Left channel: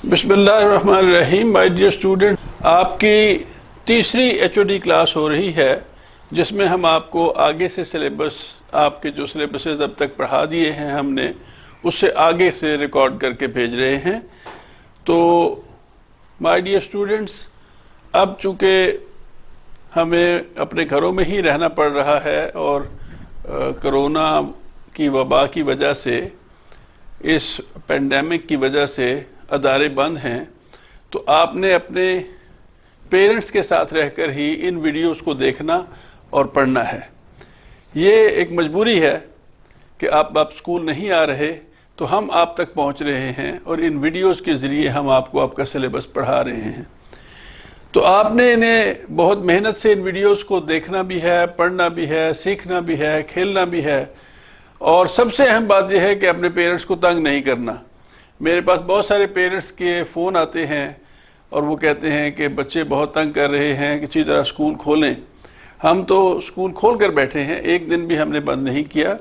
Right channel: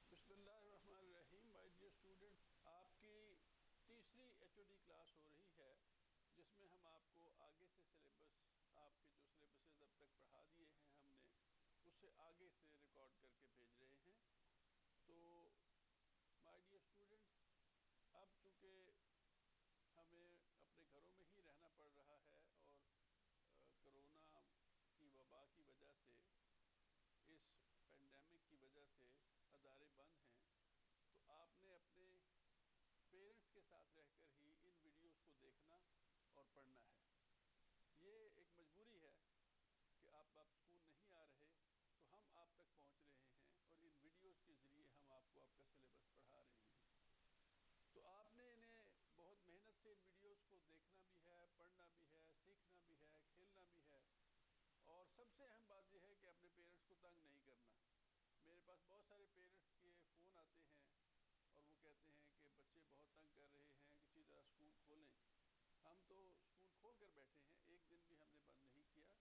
बिस्मिल्लाहिर्रहमानिर्रहीम। My dear student, आपकी तीसरी एचओडी क्लास हो रही है जिसमें हम आपको आगे से सिलेबस, आपके जो सिलेबसेस अब तक पढ़ा दिए हैं हमने, उससे आगे से रिकॉर्ड करके भेज रहे हैं। तो माय डियर स्टूडेंट्स, अब चूँकि हमें अपने घरों में ही रहना पड़ रहा है और कोरोना की वबा की वजह से, इस पेंडेमिक की वजह से अदारे बंद हैं, तो आपने अपने पेरेंट्स के साथ रहकर ही इन वीडियोस को देखना और पढ़ना है। ये एक मजबूरी है कि आप स्कूल नहीं आ रहे, तो हम आप तक पहुंच रहे हैं और इन वीडियोस के ज़रिए हम आपको आपका सिलेबस पढ़ा रहे हैं। तो आपने इन्हें बहुत मेहनत से इन वीडियोस को देखना भी है, पढ़ना भी है, सीखना भी है, खेलना भी है। और सबसे अहम बात यह है कि अपने पेरेंट्स को तंग नहीं करना। मेरे पास बहुत सारे पेरेंट्स के फ़ोन आते हैं और वो कहते हैं कि बच्चे बहुत तंग कर रहे हैं, किसी तरह स्कूल खोलें। हम तो स्कूल खोल कर बैठे हैं, एक दिन भी हमने बंद नहीं किया।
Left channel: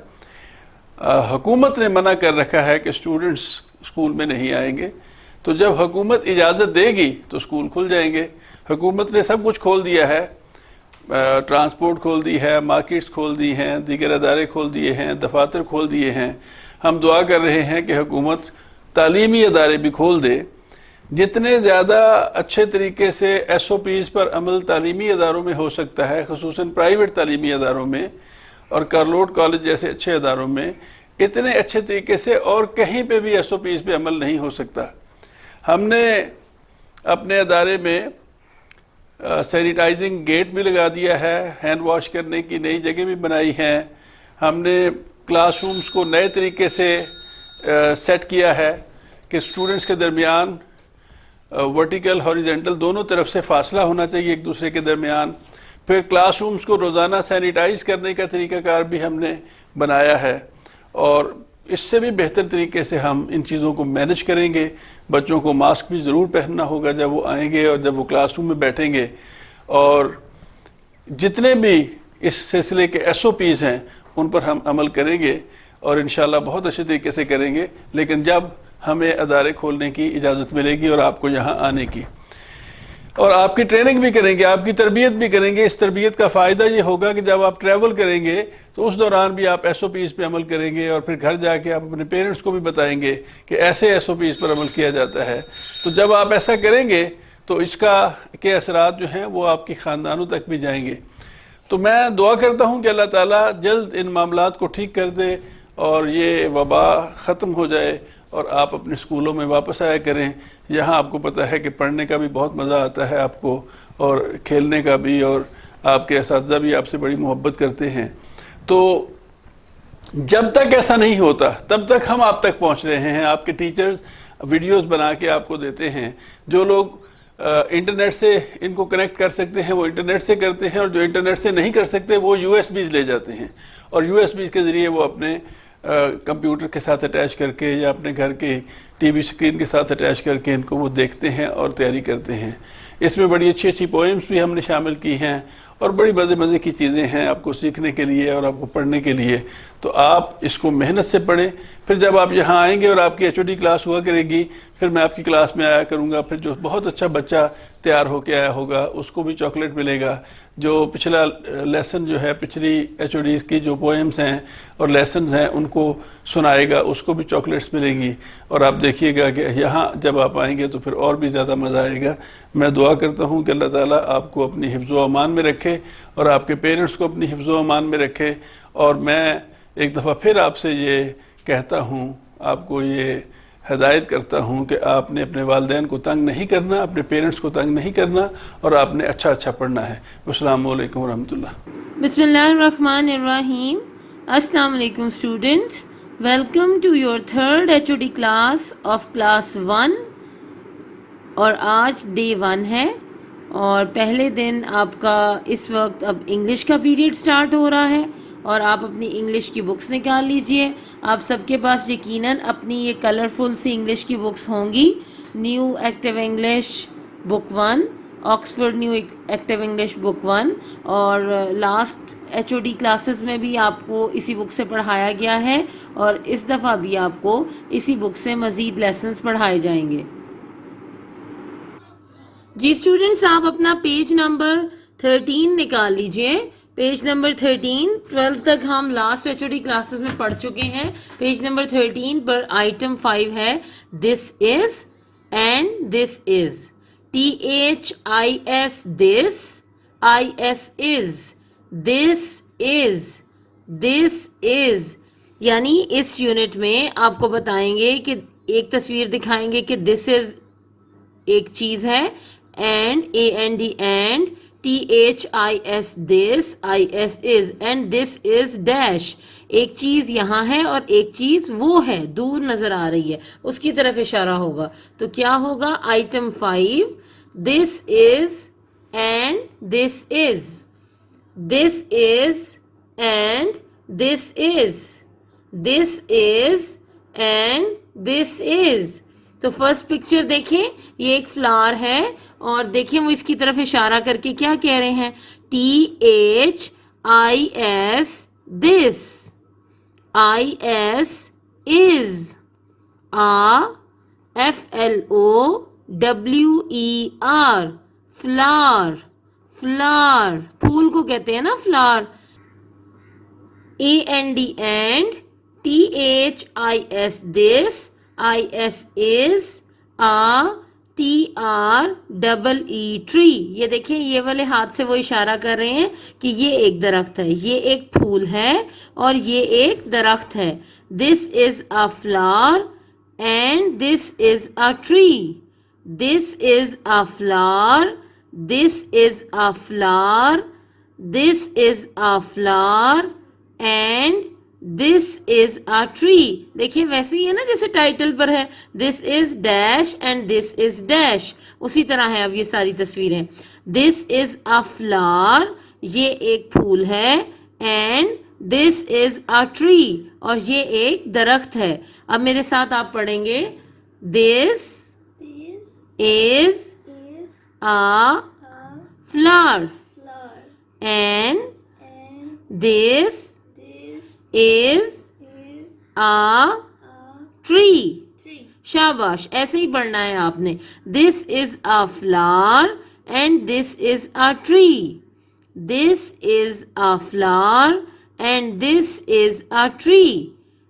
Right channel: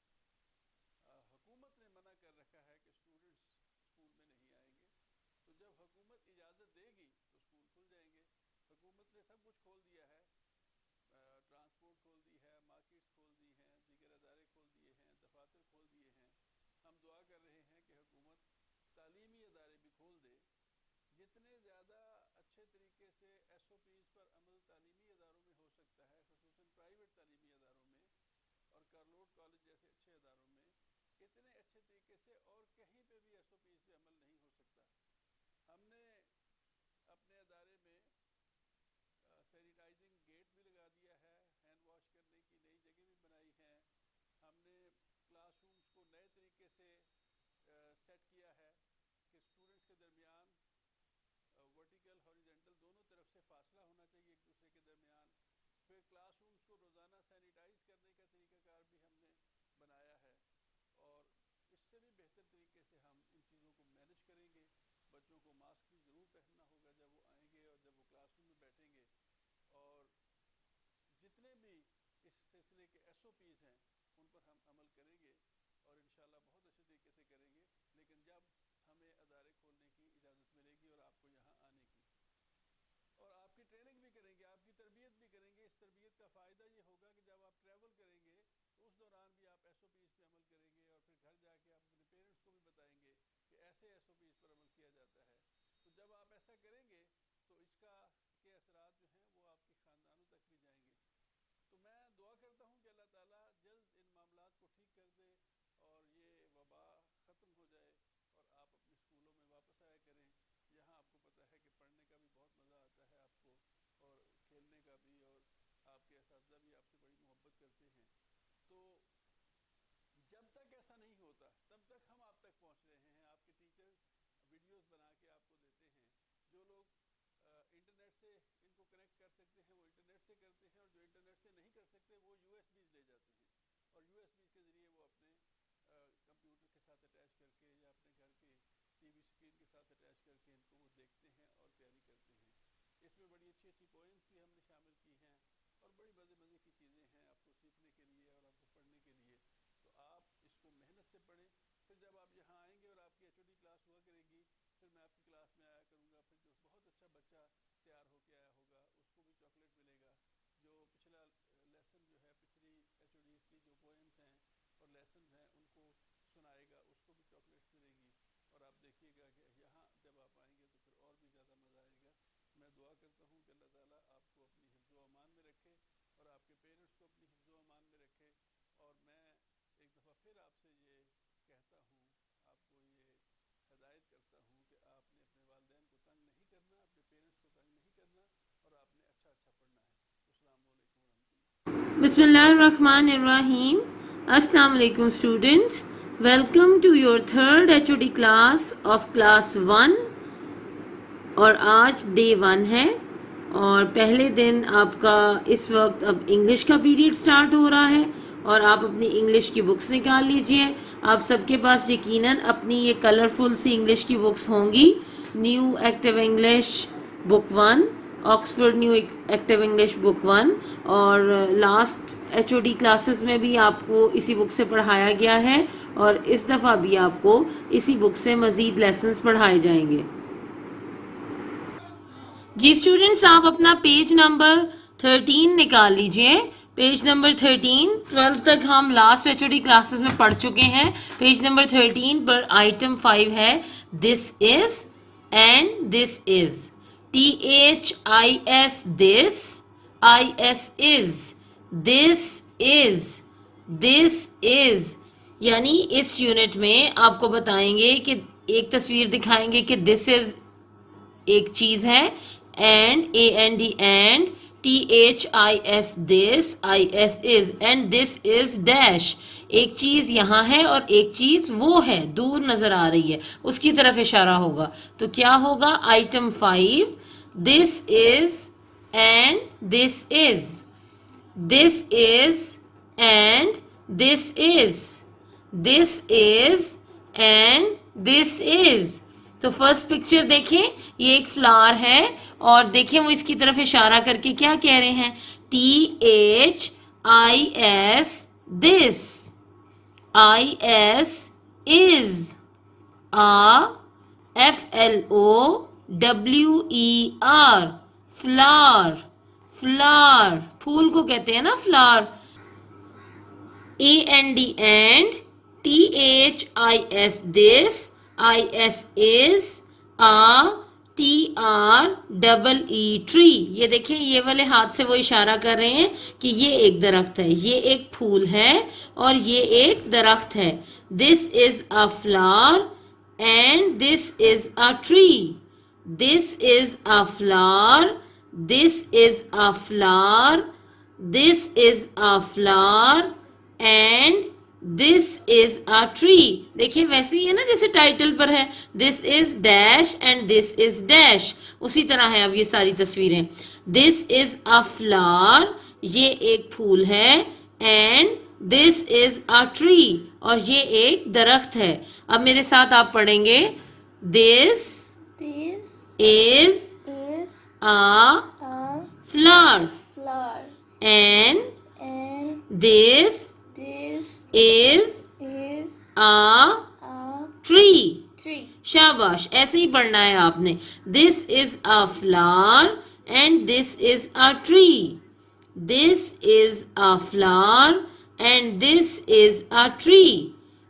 हुकूमत ने मना कर रखा है कि स्टूडेंट्स स्कूल में नहीं आएंगे, तो जब हुकूमत इजाज़त देगी तो स्कूल खुल जाएंगे। हुकूमत ने सब कुछ खोल दिया है, ट्रांसपोर्ट खोल दी है, मार्केट्स खोल दी हैं, दीगर अदारे खोल दिए हैं, दफातर खोल दिए हैं। हम दुआ कर रहे हैं कि हुकूमत तालीमी अदारे भी खोल दे। जितने ज़्यादा अच्छे तरीके से SOPs पर अमल तालीमी अदारों में हो सकता है, ख़ुसूसन प्राइवेट तालीमी अदारों में और कार्लोट कॉलेज जैसे अच्छे अदारों में, इतने अच्छे तरीके से और कहीं पे भी SOPs पे अमल नहीं हो सकता। हमने अपने अदारे में सैनिटाइजिंग गेट भी लगा दिया है, हैंड वॉश करने की नई जगह भी बनाई हैं। हमने क्लासरूम्स को नए तरीके से सेट किया है कि स्टूडेंट्स के दरमियान वर्टिकल हॉरिजेंटल दोनों तरफ से फासला होना चाहिए एक दूसरे के दरमियान। फिर क्लासरूम्स को रोज़ाना सैनिटाइज करने का तरीक़ाकार भी हमने बनाया है और इससे भी बेहतर तरीके से हम इन चीज़ों को मैनेज करेंगे। बच्चों को मास्क भी ज़रूर पहनना होगा जब वो आएंगे और जब वो क्लासरूम में बैठेंगे। और जितने भी इस सिलसिले के SOPs हैं उन पर हम अमल करेंगे और इंशाल्लाह बहुत अच्छे तरीके से करेंगे, लेकिन जब हमें अदारे खोलने की इजाज़त मिलेगी और आपको यहाँ आने की, और आपकी ट्रेनिंग भी करेंगे, आपकी तरबियत भी करेंगे। इस तरबियत का फ़ायदा ये होगा कि जब आप ट्रैवल करेंगे तो उस दौरान भी आप SOPs पे अमल करेंगे और फिर घर जाके आप अपने पेरेंट्स को भी बताएंगे कि ऐसे SOPs पर अमल किया जाता है। तो जब आप ऐसा करेंगे तो इसका के असरात जो हैं वो आपके ख़ानदानों तक भी जाएंगे। तो मैं दुआ करता हूँ कि अल्लाह ताला जल्द इन मामलात को ठीक कर दे और ये वबा ख़त्म हो जाए और आप अपने स्कूलों में वापस आया करें। यहाँ आपको पता है कि पढ़ने का भी बहुत मज़ा आता है आपको और खेलने का भी, और आपके असातिज़ा भी आपसे बड़ी मोहब्बत करते हैं। तो जब तक ऐसा नहीं होता तब तक हम आप तक पहुँच रहे हैं। आपके टीचर्स वीडियोस बना के आपको देते हैं। जो लोग इंटरनेट से इनको कनेक्ट कर सकते हैं वो इंटरनेट से करते हैं, और जो इंटरनेट से नहीं कर सकते वो USBs ले जाते हैं और USBs के ज़रिए वो अपने कंप्यूटर के साथ अटैच करके या अपने घर के TV स्क्रीन के साथ अटैच करके इनको वो देखते हैं और तैयारी करते हैं। इसमें बड़ी अच्छी अच्छी पोएम्स भी हमने शामिल की हैं और बड़ी मज़े की चीज़ें हैं आपको सीखने के लिए और आपको पढ़ने के लिए। तो आप इसको मेहनत से पढ़ें। फिर जब आप यहाँ आएंगे और आपकी HOD क्लास हुआ करेगी, फिर मैं आपकी क्लास में आया करूँगा। फिर जो बहुत अच्छा बच्चा तैयार होकर आया होगा उसको भी चॉकलेट मिलेगा। जो पिछला लेसन जो है, पिछली HODs की जो पोएम्स हैं और लेसन्स हैं उनको सुनाएगा, उसको भी चॉकलेट्स मिलेंगी। और आप देखिएगा कि यहाँ जब आप आएंगे तो फिर और भी ज़्यादा मज़ा आएगा। मैं दुआ करता हूँ कि अल्लाह ताला आपको अपनी हिफ्ज़ व अमान में रखे और आपके पेरेंट्स को अपनी हिफ्ज़ व अमान में रखे। और मैं एक दफ़ा फिर आपसे ये कहता हूँ, आपको ये हिदायत करता हूँ कि आपने अपने वालिदैन को तंग नहीं करना, अपने पेरेंट्स को तंग नहीं करना और आपने अच्छा पढ़ना है। अस्सलामु अलैकुम वरहमतुल्लाह। बिस्मिल्लाहिर्रहमानिर्रहीम। अस्सलाम वालेकुम students, welcome to your third HOD class of class 1। और आज डे 1 है और पहले दिन आपका इस वक्त अब इंग्लिश का पीरियड स्टार्ट हो रहा है और आप अपनी इंग्लिश की बुक्स निकाल लीजिए। आप सबके पास यकीनन अपनी ये कलरफुल सी इंग्लिश की बुक्स होंगी। New active English book 1, Oxford new active English book 1, और लास्ट HOD क्लासेस में भी आपको इसी बुक से पढ़ाया गया है और इस दफ़ा भी आपको इसी बुक से मज़ीद लेसन्स पढ़ाए जाएंगे। जी स्टूडेंट्स, आप अपना पेज नंबर 13 निकाल लीजिए। पेज नंबर 13, 12 तक हम लास्ट एचओडी क्लासेस में पढ़ चुके हैं। पेज नंबर 13 पर आइटम 5 है this is and this is. THIS this, IS is, this is, this is. यानी इस यूनिट में आपको बताएंगे कि एक तस्वीर दिखाएंगे कि दिस इज एक चीज है, and AND and THIS this, IS is, and this is dash. एक चीज यहाँ है और एक चीज वो है, दूर नजर आ रही है, उसकी तरफ इशारा होगा। तो क्या होगा? Item 5, this is and this is, this is and this is, this is and this is. तो फर्स्ट पिक्चर देखें, ये एक फ्लावर है और देखें वो इसकी तरफ इशारा करके क्या कह रहे हैं? THIS this, IS is, FLOWER flower, flower, फूल को कहते हैं ना flower. AND and THIS this, IS is, TREE tree. ये देखिए ये वाले हाथ से वो इशारा कर रहे हैं कि ये एक दरख्त है, ये एक फूल है और ये एक दरख्त है। This is a flower and this is a tree, this is a flower, this is a flower, this is a flower and this is a tree. देखिए वैसे ही है ना जैसे टाइटल पर है, this is dash and this is dash, उसी तरह है अब ये सारी तस्वीरें। दिस इज अ फ्लावर, ये एक फूल है, and this is a tree, और ये एक दरख्त है। अब मेरे साथ आप पढ़ेंगे, this is a flower and this is a tree। शाबाश, ऐसे ही पढ़ना है आपने। This is a flower and this is a tree, this is a flower and this is a tree।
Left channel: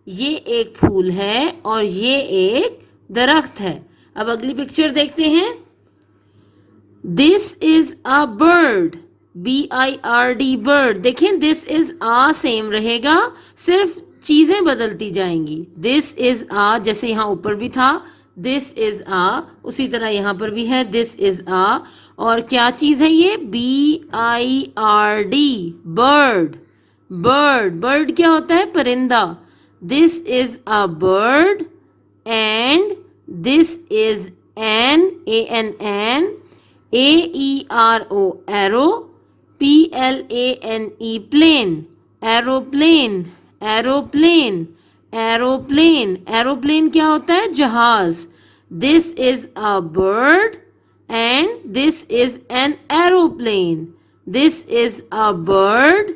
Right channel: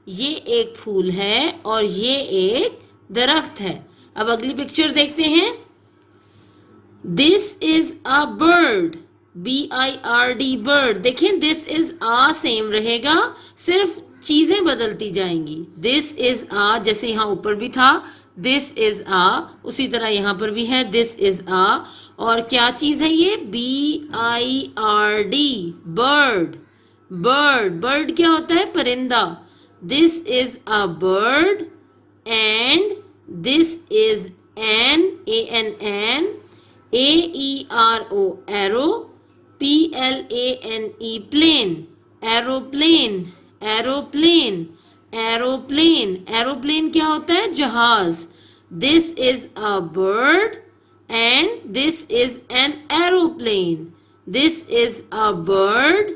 ये एक फूल है और ये एक दरख्त है। अब अगली पिक्चर देखते हैं। This is a bird, BIRD bird. देखें दिस इज आ सेम रहेगा, सिर्फ चीजें बदलती जाएंगी। दिस इज आ, जैसे यहाँ ऊपर भी था दिस इज आ, उसी तरह यहाँ पर भी है दिस इज आ। और क्या चीज है ये? BIRD बर्ड, बर्ड, बर्ड क्या होता है? परिंदा। This is a bird and this is an, ANN, AERO aero, PLANE plane, aeroplane, aeroplane, aeroplane. Aeroplane क्या होता है? जहाज। This is a bird and this is an aeroplane, this is a bird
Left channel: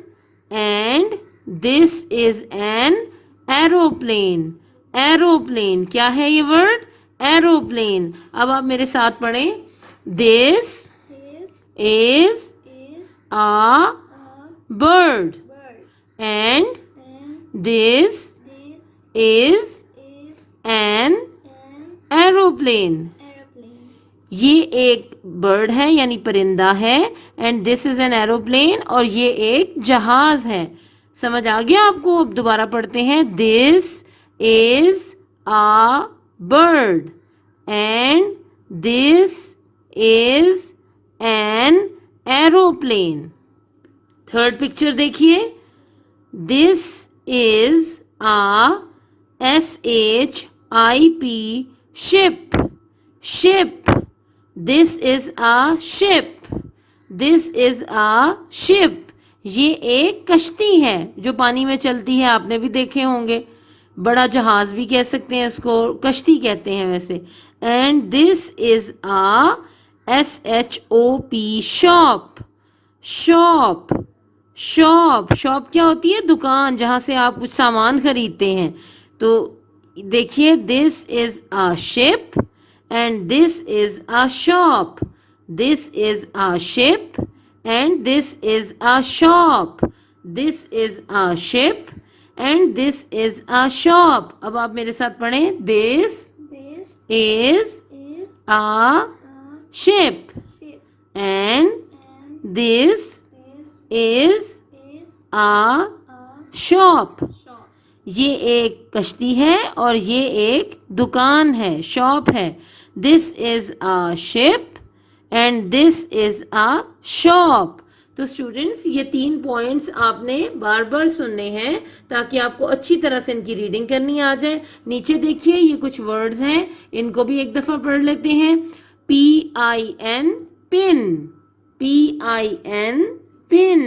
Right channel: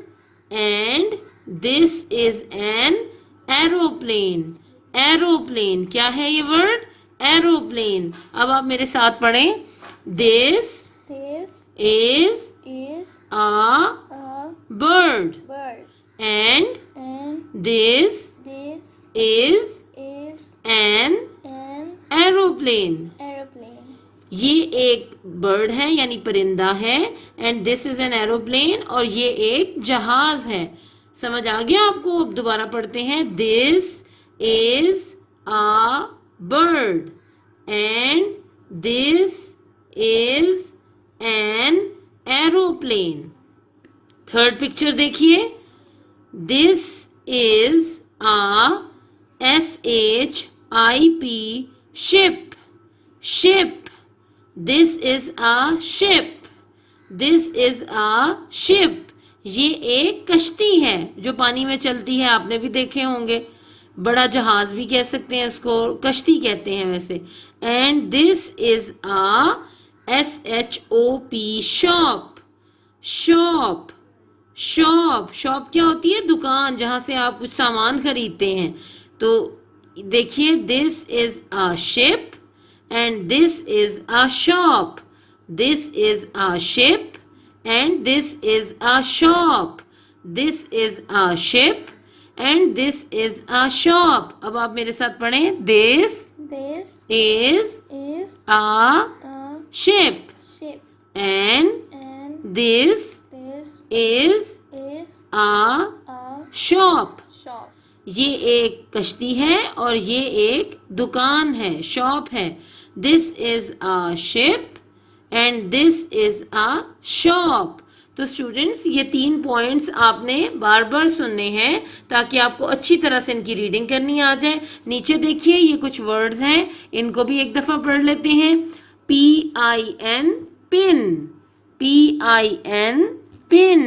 and this is an aeroplane. Aeroplane क्या है ये word? Aeroplane. अब आप मेरे साथ पढ़ें, this is a bird and this is an aeroplane। ये एक बर्ड है यानी परिंदा है, and this is an aeroplane, और ये एक जहाज है। समझ आ गया आपको? अब दोबारा पढ़ते हैं। This is a bird and this is an aeroplane. Third picture देखिए। दिस इज अ SHIP ship, ship. This is a ship, this is a ship. ये एक कश्ती है जो पानी में चलती है, आपने भी देखे होंगे। बड़ा जहाज भी कह सकते हैं इसको, कश्ती कहते हैं वैसे। And this is a SHOP shop, shop, shop. Shop क्या होती है? दुकान, जहां से आप कुछ सामान खरीदते हैं। तो देखिए दिस is a ship and this is a shop, This is a ship and this is a shop. This is a ship and this is a shop. अब आप मेरे साथ पढ़ें. This is a ship and this is a shop. ये एक कश्ती है और ये एक दुकान है, शॉप है. This is a ship and this is a shop. तो स्टूडेंट्स ये 3 पॉइंट्स आपने बार बार सुनने हैं ताकि आपको अच्छी तरह से इनकी रीडिंग करनी आ जाए. नीचे देखिए ये कुछ वर्ड्स हैं, इनको भी एक दफ़ा पढ़ लेते हैं. PIN pin, PIN pin.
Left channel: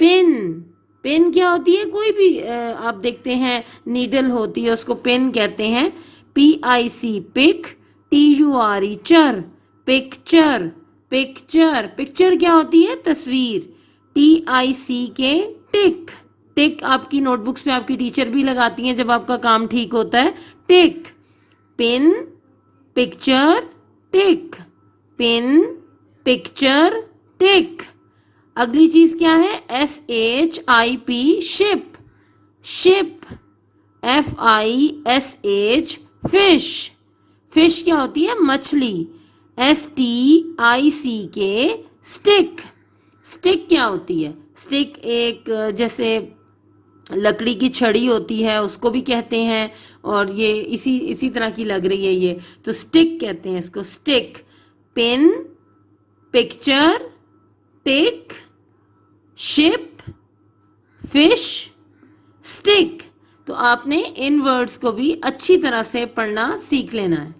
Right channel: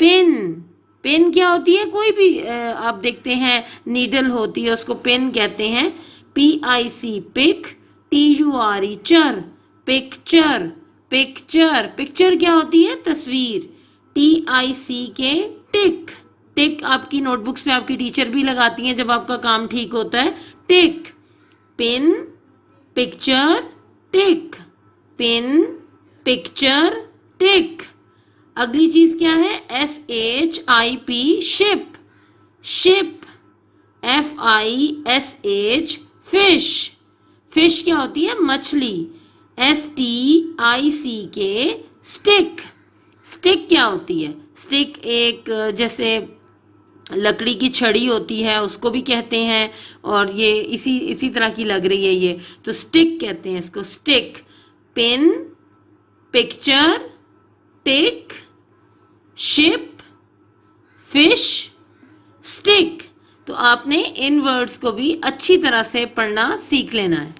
Pin pen क्या होती है? कोई भी आप देखते हैं नीडल होती है, उसको पेन कहते हैं. PIC पिक, TURE चर, पिक्चर. पिक्चर पिक्चर क्या होती है? तस्वीर. TICK टिक. टिक आपकी नोटबुक्स में आपकी टीचर भी लगाती हैं जब आपका काम ठीक होता है. टिक. पिन, पिक्चर, टिक. पिन, पिक्चर, टिक. अगली चीज क्या है? SHIP ship. Ship. FISH fish. Fish क्या होती है? मछली. STICK stick. स्टिक क्या होती है? स्टिक एक जैसे लकड़ी की छड़ी होती है, उसको भी कहते हैं, और ये इसी तरह की लग रही है ये, तो स्टिक कहते हैं इसको. स्टिक. पिन, पिक्चर, टिक, शिप, फिश, स्टिक. तो आपने इन वर्ड्स को भी अच्छी तरह से पढ़ना सीख लेना है.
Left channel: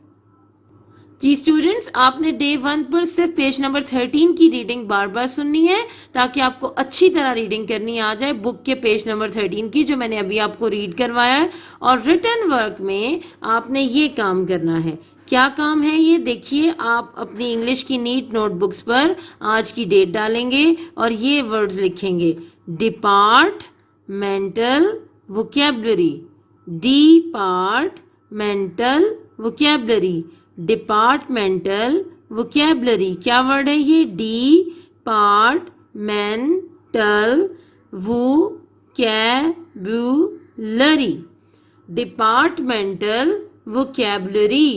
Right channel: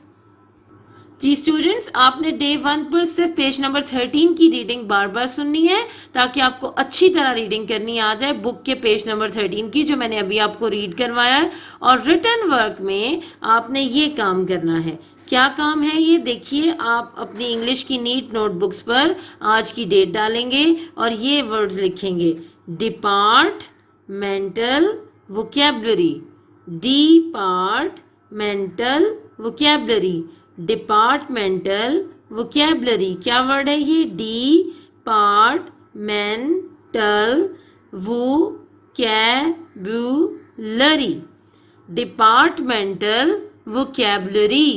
जी स्टूडेंट्स, आपने डे 1 पर सिर्फ पेज नंबर 13 की रीडिंग बार बार सुननी है ताकि आपको अच्छी तरह रीडिंग करनी आ जाए बुक के पेज नंबर 13 की, जो मैंने अभी आपको रीड करवाया है. और रिटन वर्क में आपने ये काम करना है. क्या काम है ये देखिए. आप अपनी इंग्लिश की नीट नोटबुक्स पर आज की डेट डालेंगे और ये वर्ड्स लिखेंगे. Departmental vocabulary. Departmental vocabulary. Departmental vocabulary क्या वर्ड है ये? Departmental vocabulary. Departmental vocabulary.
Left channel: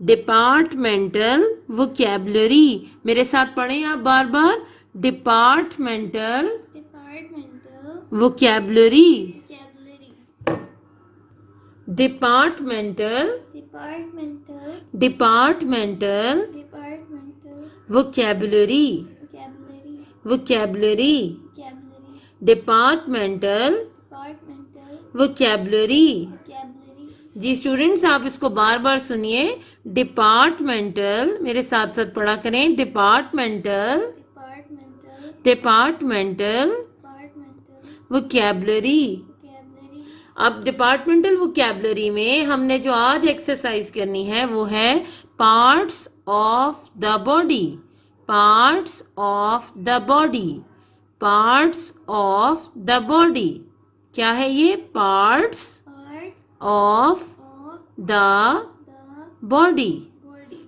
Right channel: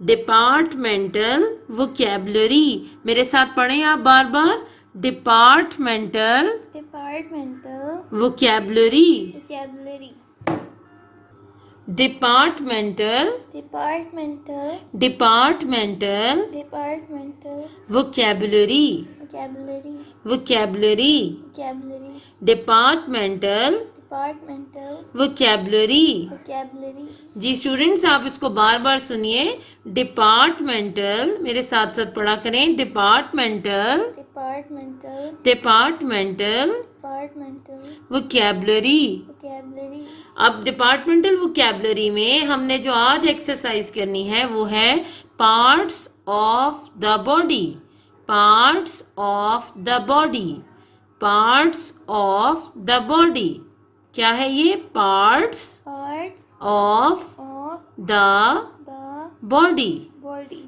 Departmental vocabulary. मेरे साथ पढ़ें आप बार बार. Departmental vocabulary. Departmental vocabulary. Vocabulary. Departmental vocabulary. जी स्टूडेंट्स, आप इसको बार बार सुनिए. डिपार्टमेंटल, मेरे साथ साथ पढ़ा करें. Departmental vocabulary. अब डिपार्टमेंटल वोकैबुलरी में हमने जो आज एक्सरसाइज करनी है वो है parts of the body. Parts of the body. Parts of the body. क्या है ये? Parts of the body.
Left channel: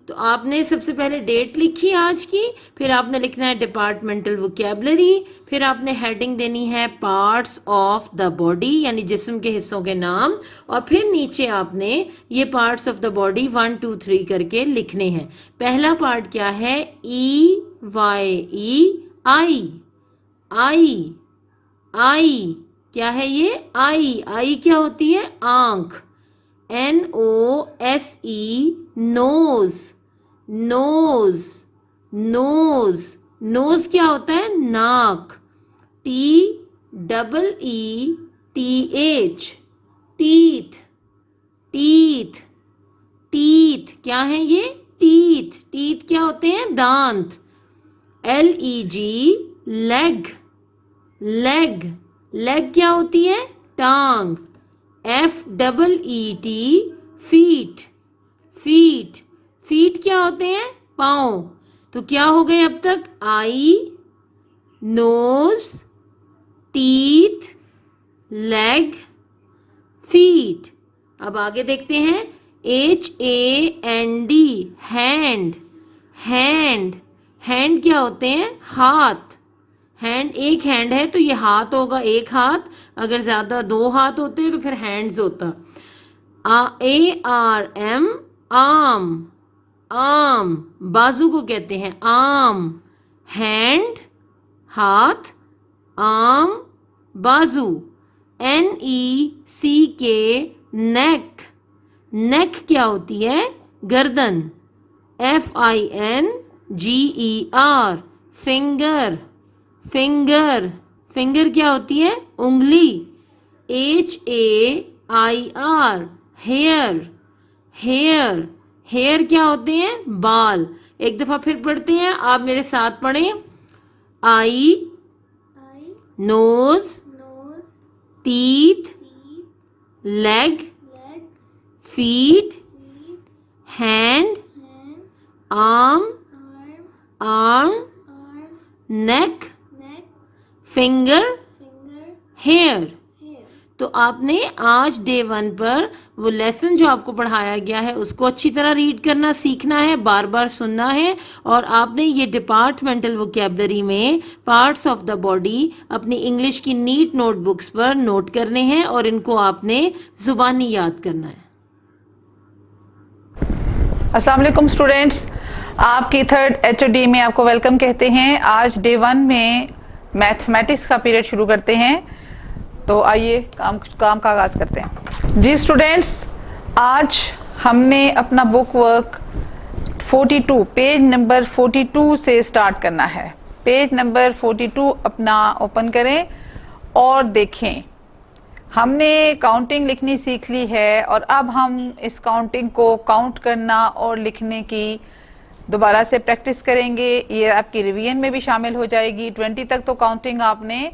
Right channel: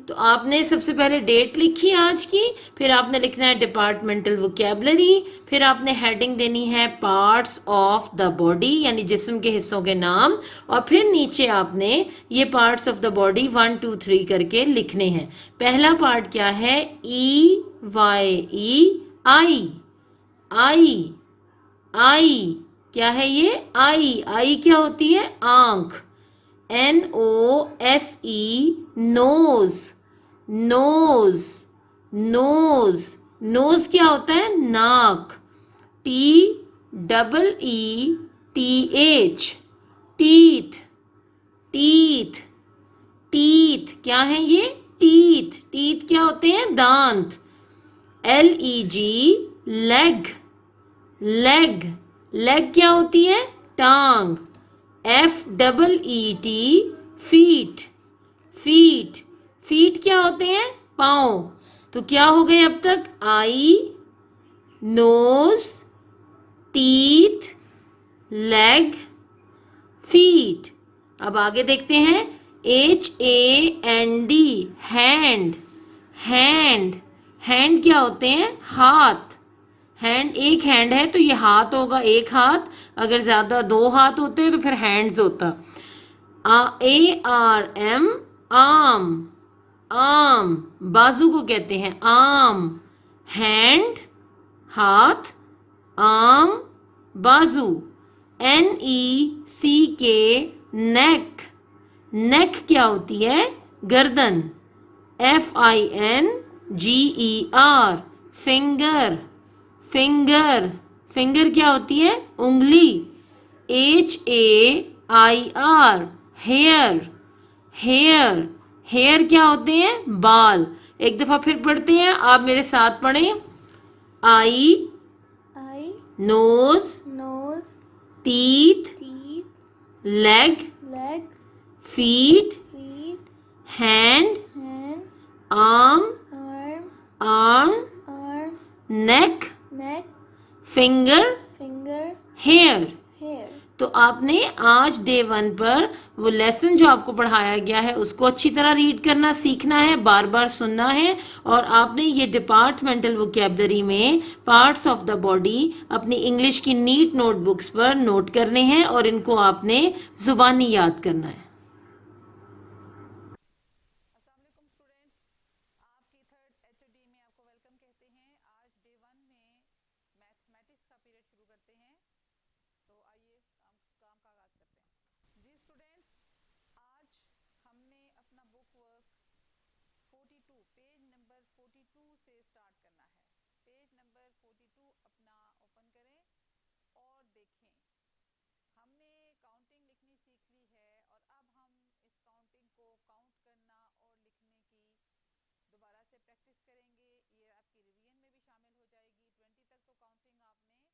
तो आपने सबसे पहले डेट लिखी आज की, फिर आपने लिखना है डिपार्टमेंटल वोकैबुलरी, फिर आपने हेडिंग देनी है पार्ट्स ऑफ द बॉडी यानी जिस्म के हिस्सों के नाम, और फिर नीचे आपने ये पार्ट्स ऑफ द बॉडी 1 2 3 करके लिखने हैं. पहला पार्ट क्या है? EYE आई. आई. आई क्या है ये? आई. आई क्या होती है? आंख. NOSE nose. Nose. Nose. Nose क्या होता है? नाक. TEETH teeth. टीथ. टीथ क्या है ये? टीथ. टीथ क्या होते हैं? दांत. LEG leg. लेग. लेग क्या होती है? टांग. FEET feet. फीट. फीट क्या होते हैं? पाँव. तो क्या हो गए अब तक? आई, नोज, टीथ, लेग, फीट. अब आगे देखते हैं. HAND hand. हैंड. हैंड क्या होते हैं? हाथ। हैंड, एक हैंड है तो ये हाथ होगा, एक हाथ। अगर ज़्यादा दो हाथ होते तो फिर हैंड्स होता। ARM, arm. आर्म, बाजू को कहते हैं आर्म। हैंड, हाथ, आर्म, बाजू। NECK, नेक। नेक क्या होती है? गर्दन। FINGER, finger. फिंगर, फिंगर क्या होती है? उंगली। HAIR, hair. हेयर, हेयर क्या होते हैं? बाल। एक दफा फिर पढ़ते हैं, आप मेरे साथ पढ़ें। Eye, eye, nose, nose, teeth, teeth, leg, leg, feet, feet, hand, hand, arm, arm, arm, arm, neck, neck, finger, finger, hair. hair. तो आपने आज डे 1 पर वो लेसन जो आपको पढ़ाया गया है उसको अच्छी तरह रीड करना सीखना है, बार बार सुनना है। और आपने ये डिपार्टमेंटल वोकेबलरी में पार्ट्स ऑफ द बॉडी अपनी इंग्लिश की नीट नोटबुक्स पर नोट करने हैं और इनको आपने जुबानी याद करना है। अस्सलाम वालेकुम स्टूडेंट्स, आपकी थर्ड HOD में आपको वेलकम कहते हैं। आज डे 1 में मैथमेटिक्स का पीरियड शुरू करते हैं। तो आइए काम का आगाज़ करते हैं। जी स्टूडेंट्स, आज हमने अपना बुक वर्क 42 पेज नंबर 42 से स्टार्ट करना है। पेज नंबर 42 अपना ओपन करें और देखें। हमने काउंटिंग लिखनी सीख ली है और अब हम इस काउंटिंग को काउंट करना और लिखने की दोबारा से प्रैक्टिस करेंगे। ये आपकी रिवीजन में भी शामिल हो जाएगी। 20 तक तो काउंटिंग आपने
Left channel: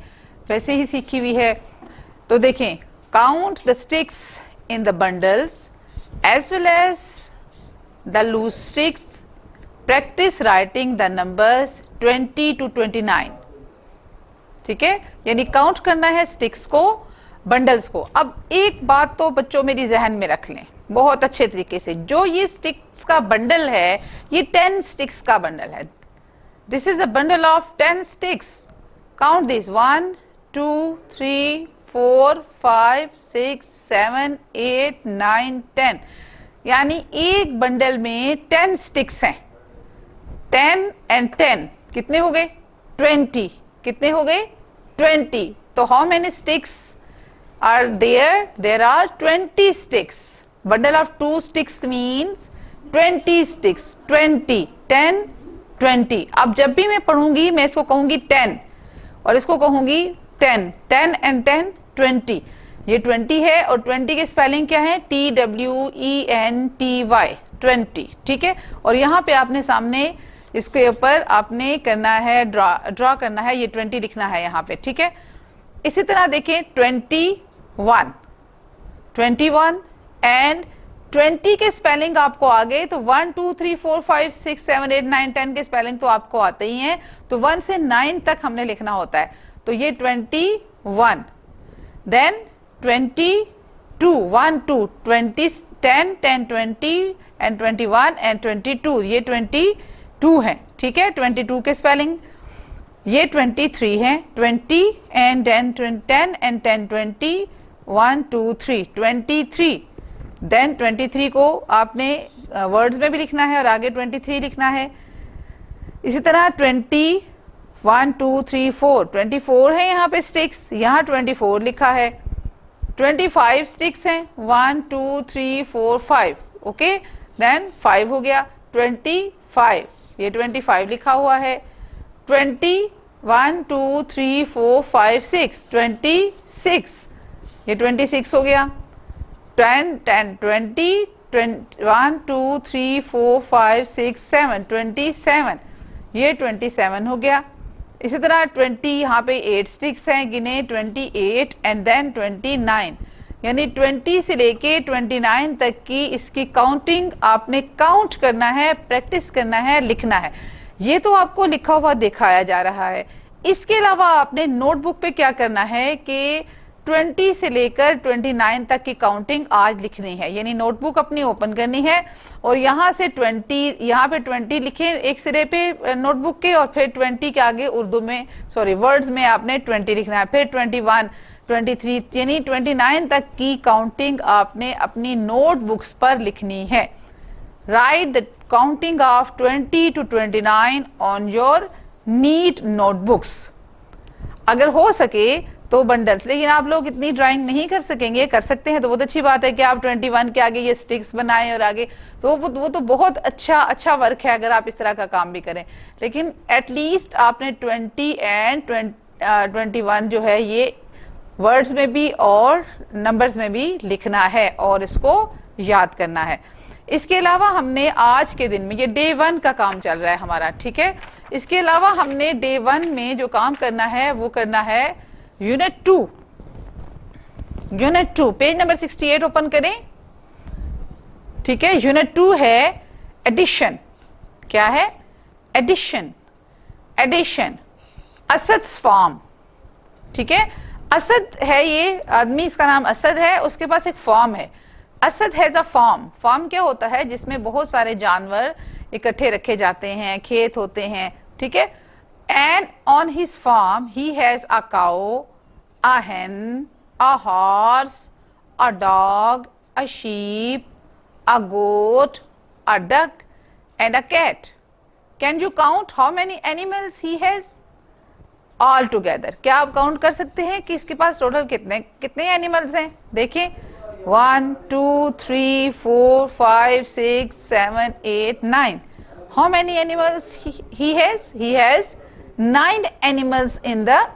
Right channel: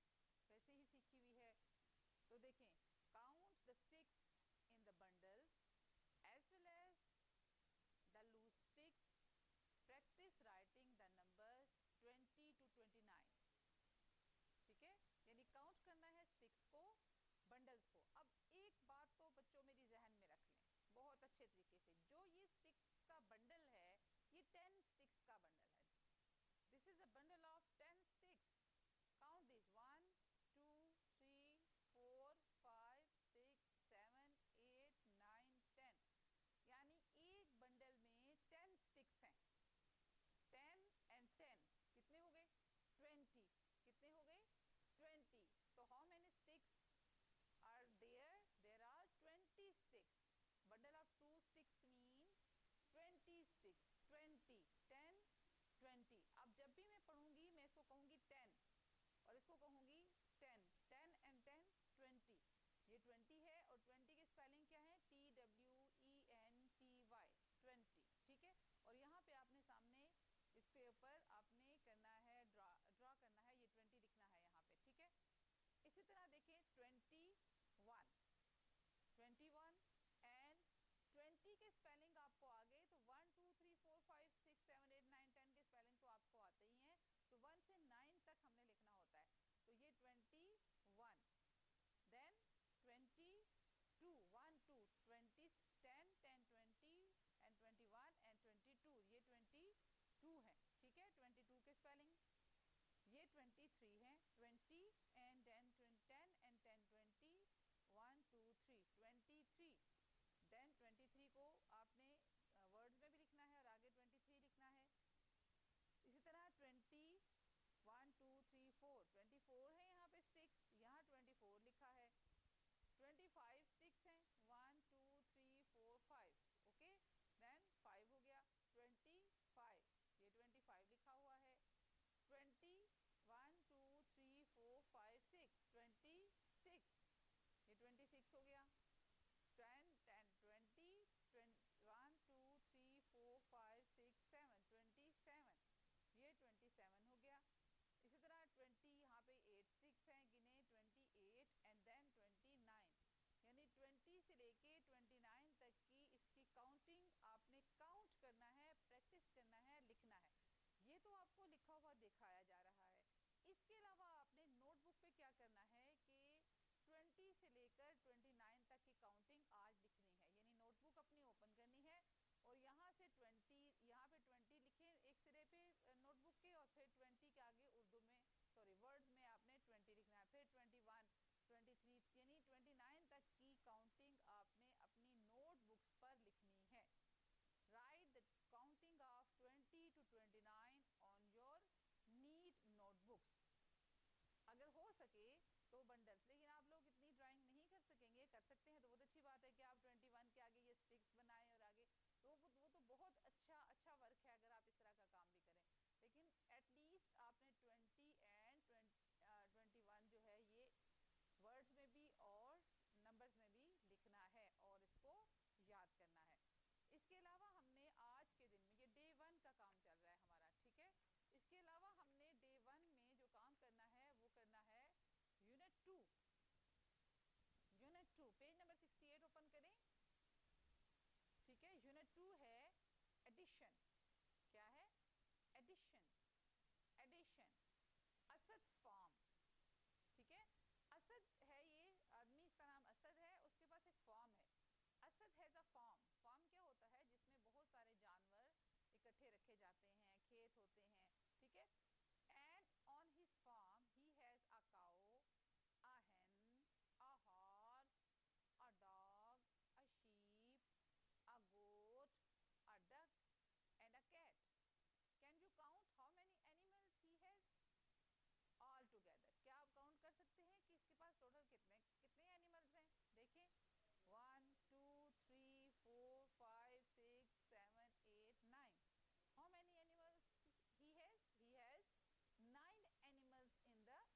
वैसे ही सीखी हुई है। तो देखें, count the sticks in the bundles as well as the loose sticks, practise writing the numbers 20 to 29। ठीक है, यानी काउंट करना है स्टिक्स को, बंडल्स को। अब एक बात तो बच्चों मेरी जहन में रख लें बहुत अच्छे तरीके से, जो ये स्टिक्स का बंडल है ये 10 स्टिक्स का बंडल है। This is a bundle of 10 sticks. Count this 1 2 3 4 5 6 7 8 9 10, यानी एक बंडल में 10 स्टिक्स हैं। 10 and 10 कितने हो गए? 20। कितने हो गए? 20। तो how many sticks are there? There are 20 sticks. Bundle of 2 sticks means 20 sticks. 20, 10, 20. अब जब भी मैं पढ़ूंगी मैं इसको कहूंगी 10 और इसको कहूंगी 10। 10 and 10, 20। ये 20 है और 20 की स्पेलिंग क्या है? TWENTY, 20। ठीक है, और यहाँ पे आपने सामने इसके ऊपर आपने करना है ड्रॉ करना है, ये 20 लिखना है यहाँ पे। ठीक है, इसी तरह देखें 21 एंड 20 के स्पेलिंग आपको आ गए तो 1 2 3 4 5 6 7 8 9 10 के स्पेलिंग तो आपको आते ही हैं। तो 1 से 9 तक हमने लिखना होता है। तो ये 21, देन 22 1 2 20 10 10 20 एंड 21 एंड 22, ये 22 है। ठीक है, 22 के स्पेलिंग। ये 23 है, 20 एंड 10 एंड 10 20 1 2 3 23। देन 23 को आपने वर्ड्स में भी लिखना है और आगे 23 लिखना है। इसी तरह 20 1 2 3 4 24 है यहाँ पे स्टिक्स, यहाँ 24 लिखा है। 25 स्टिक्स हैं, 1 2 3 4 5। ओके, देन 5 हो गया। 25, ये 25 लिखा हुआ है। 20 1 2 3 4 5 6 26, ये 26 हो गया। 10 10 20 1 2 3 4 5 6 7 27, ये 27 हो गया। इसी तरह 20 यहाँ पे 8 स्टिक्स हैं, गिने 28 एंड देन 29, यानी 20 से लेके 29 तक की इसकी काउंटिंग आपने काउंट करना है, प्रैक्टिस करना है, लिखना है। ये तो आपको लिखा हुआ दिखाया जा रहा है। इसके अलावा आपने नोटबुक पे क्या करना है कि 20 से लेकर 29 तक की काउंटिंग आज लिखनी है, यानी नोटबुक अपनी ओपन करनी है और यहाँ से 20, यहाँ पे 20 लिखे एक सिरे पे नोटबुक के, और फिर 20 के आगे उर्दू में वर्ड्स में आपने 20 लिखना है, फिर 21, 23 यानी 29 तक की काउंटिंग आपने अपनी नोटबुक्स पर लिखनी है। Write the counting of 20 to 29 on your neat notebooks. अगर हो सके तो बंडल्स, लेकिन आप लोग इतनी ड्राइंग नहीं कर सकेंगे, कर सकते हैं तो बहुत अच्छी बात है कि आप 21 के आगे ये स्टिक्स बनाएं और आगे, तो वो तो बहुत अच्छा वर्क है अगर आप इस तरह का काम भी करें, लेकिन एटलीस्ट आपने 20 एंड 21 जो है ये वर्ड्स में भी और नंबर्स में भी लिखना है और इसको याद करना है। इसके अलावा हमने आज के दिन में, ये डे 1 का काम चल रहा है हमारा, ठीक है, इसके अलावा हमने डे 1 में जो काम करना है वो करना है यूनिट 2। पेज नंबर 68 ओपन करें, ठीक है। यूनिट 2 है एडिशन। क्या है? एडिशन। असद्स फॉर्म, ठीक है। असद है ये आदमी, इसका नाम असद है, उसके पास एक फॉर्म है। Asad has a form. Form क्या होता है? जिसमें बहुत सारे जानवर इकट्ठे रखे जाते हैं, खेत होते हैं, ठीक है। And on his farm he has a cow, a hen, a horse, a dog, a sheep, a goat, a duck and a cat. Can you count how many animals he has all together? क्या आप count कर सकते हैं कि इसके पास total कितने animals हैं? देखिए 1 2 3 4 5 6 7 8 9. How many animals he has? He has 9 animals in the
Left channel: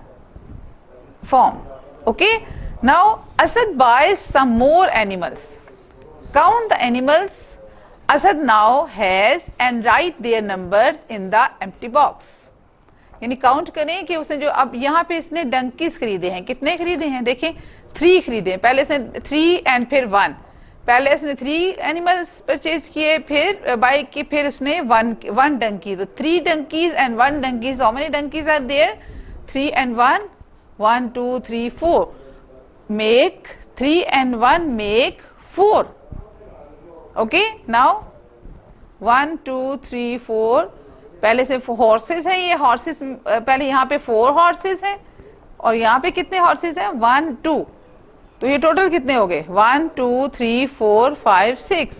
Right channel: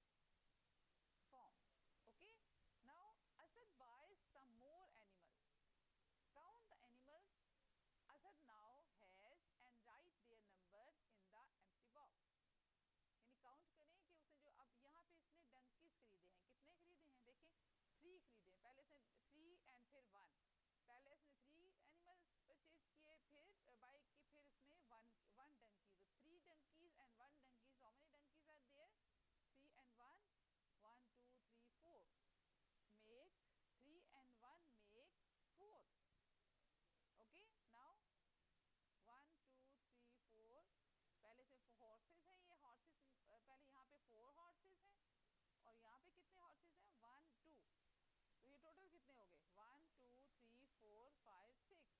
form. Okay, now Asad buys some more animals. Count the animals Asad now has and write their numbers in the empty box. यानी count करें कि उसने जो, अब यहाँ पे इसने donkeys खरीदे हैं, कितने खरीदे हैं? देखें 3 खरीदे हैं, पहले इसने 3 एंड फिर 1, पहले उसने 3 एनिमल्स परचेज किए, फिर बाई की, फिर उसने 1 डंकी, तो 3 donkeys and 1 donkeys. How many donkeys are there? 3 and 1, 1 2 3 4 make 3 and 1 make 4. Okay, now 1 2 3 4, पहले से हॉर्सेस हैं, ये हॉर्सेस पहले यहाँ पे 4 हॉर्सेस हैं और यहाँ पे कितने हॉर्सेस हैं? 1 2, तो ये टोटल कितने हो गए? 1 2 3 4 5 6,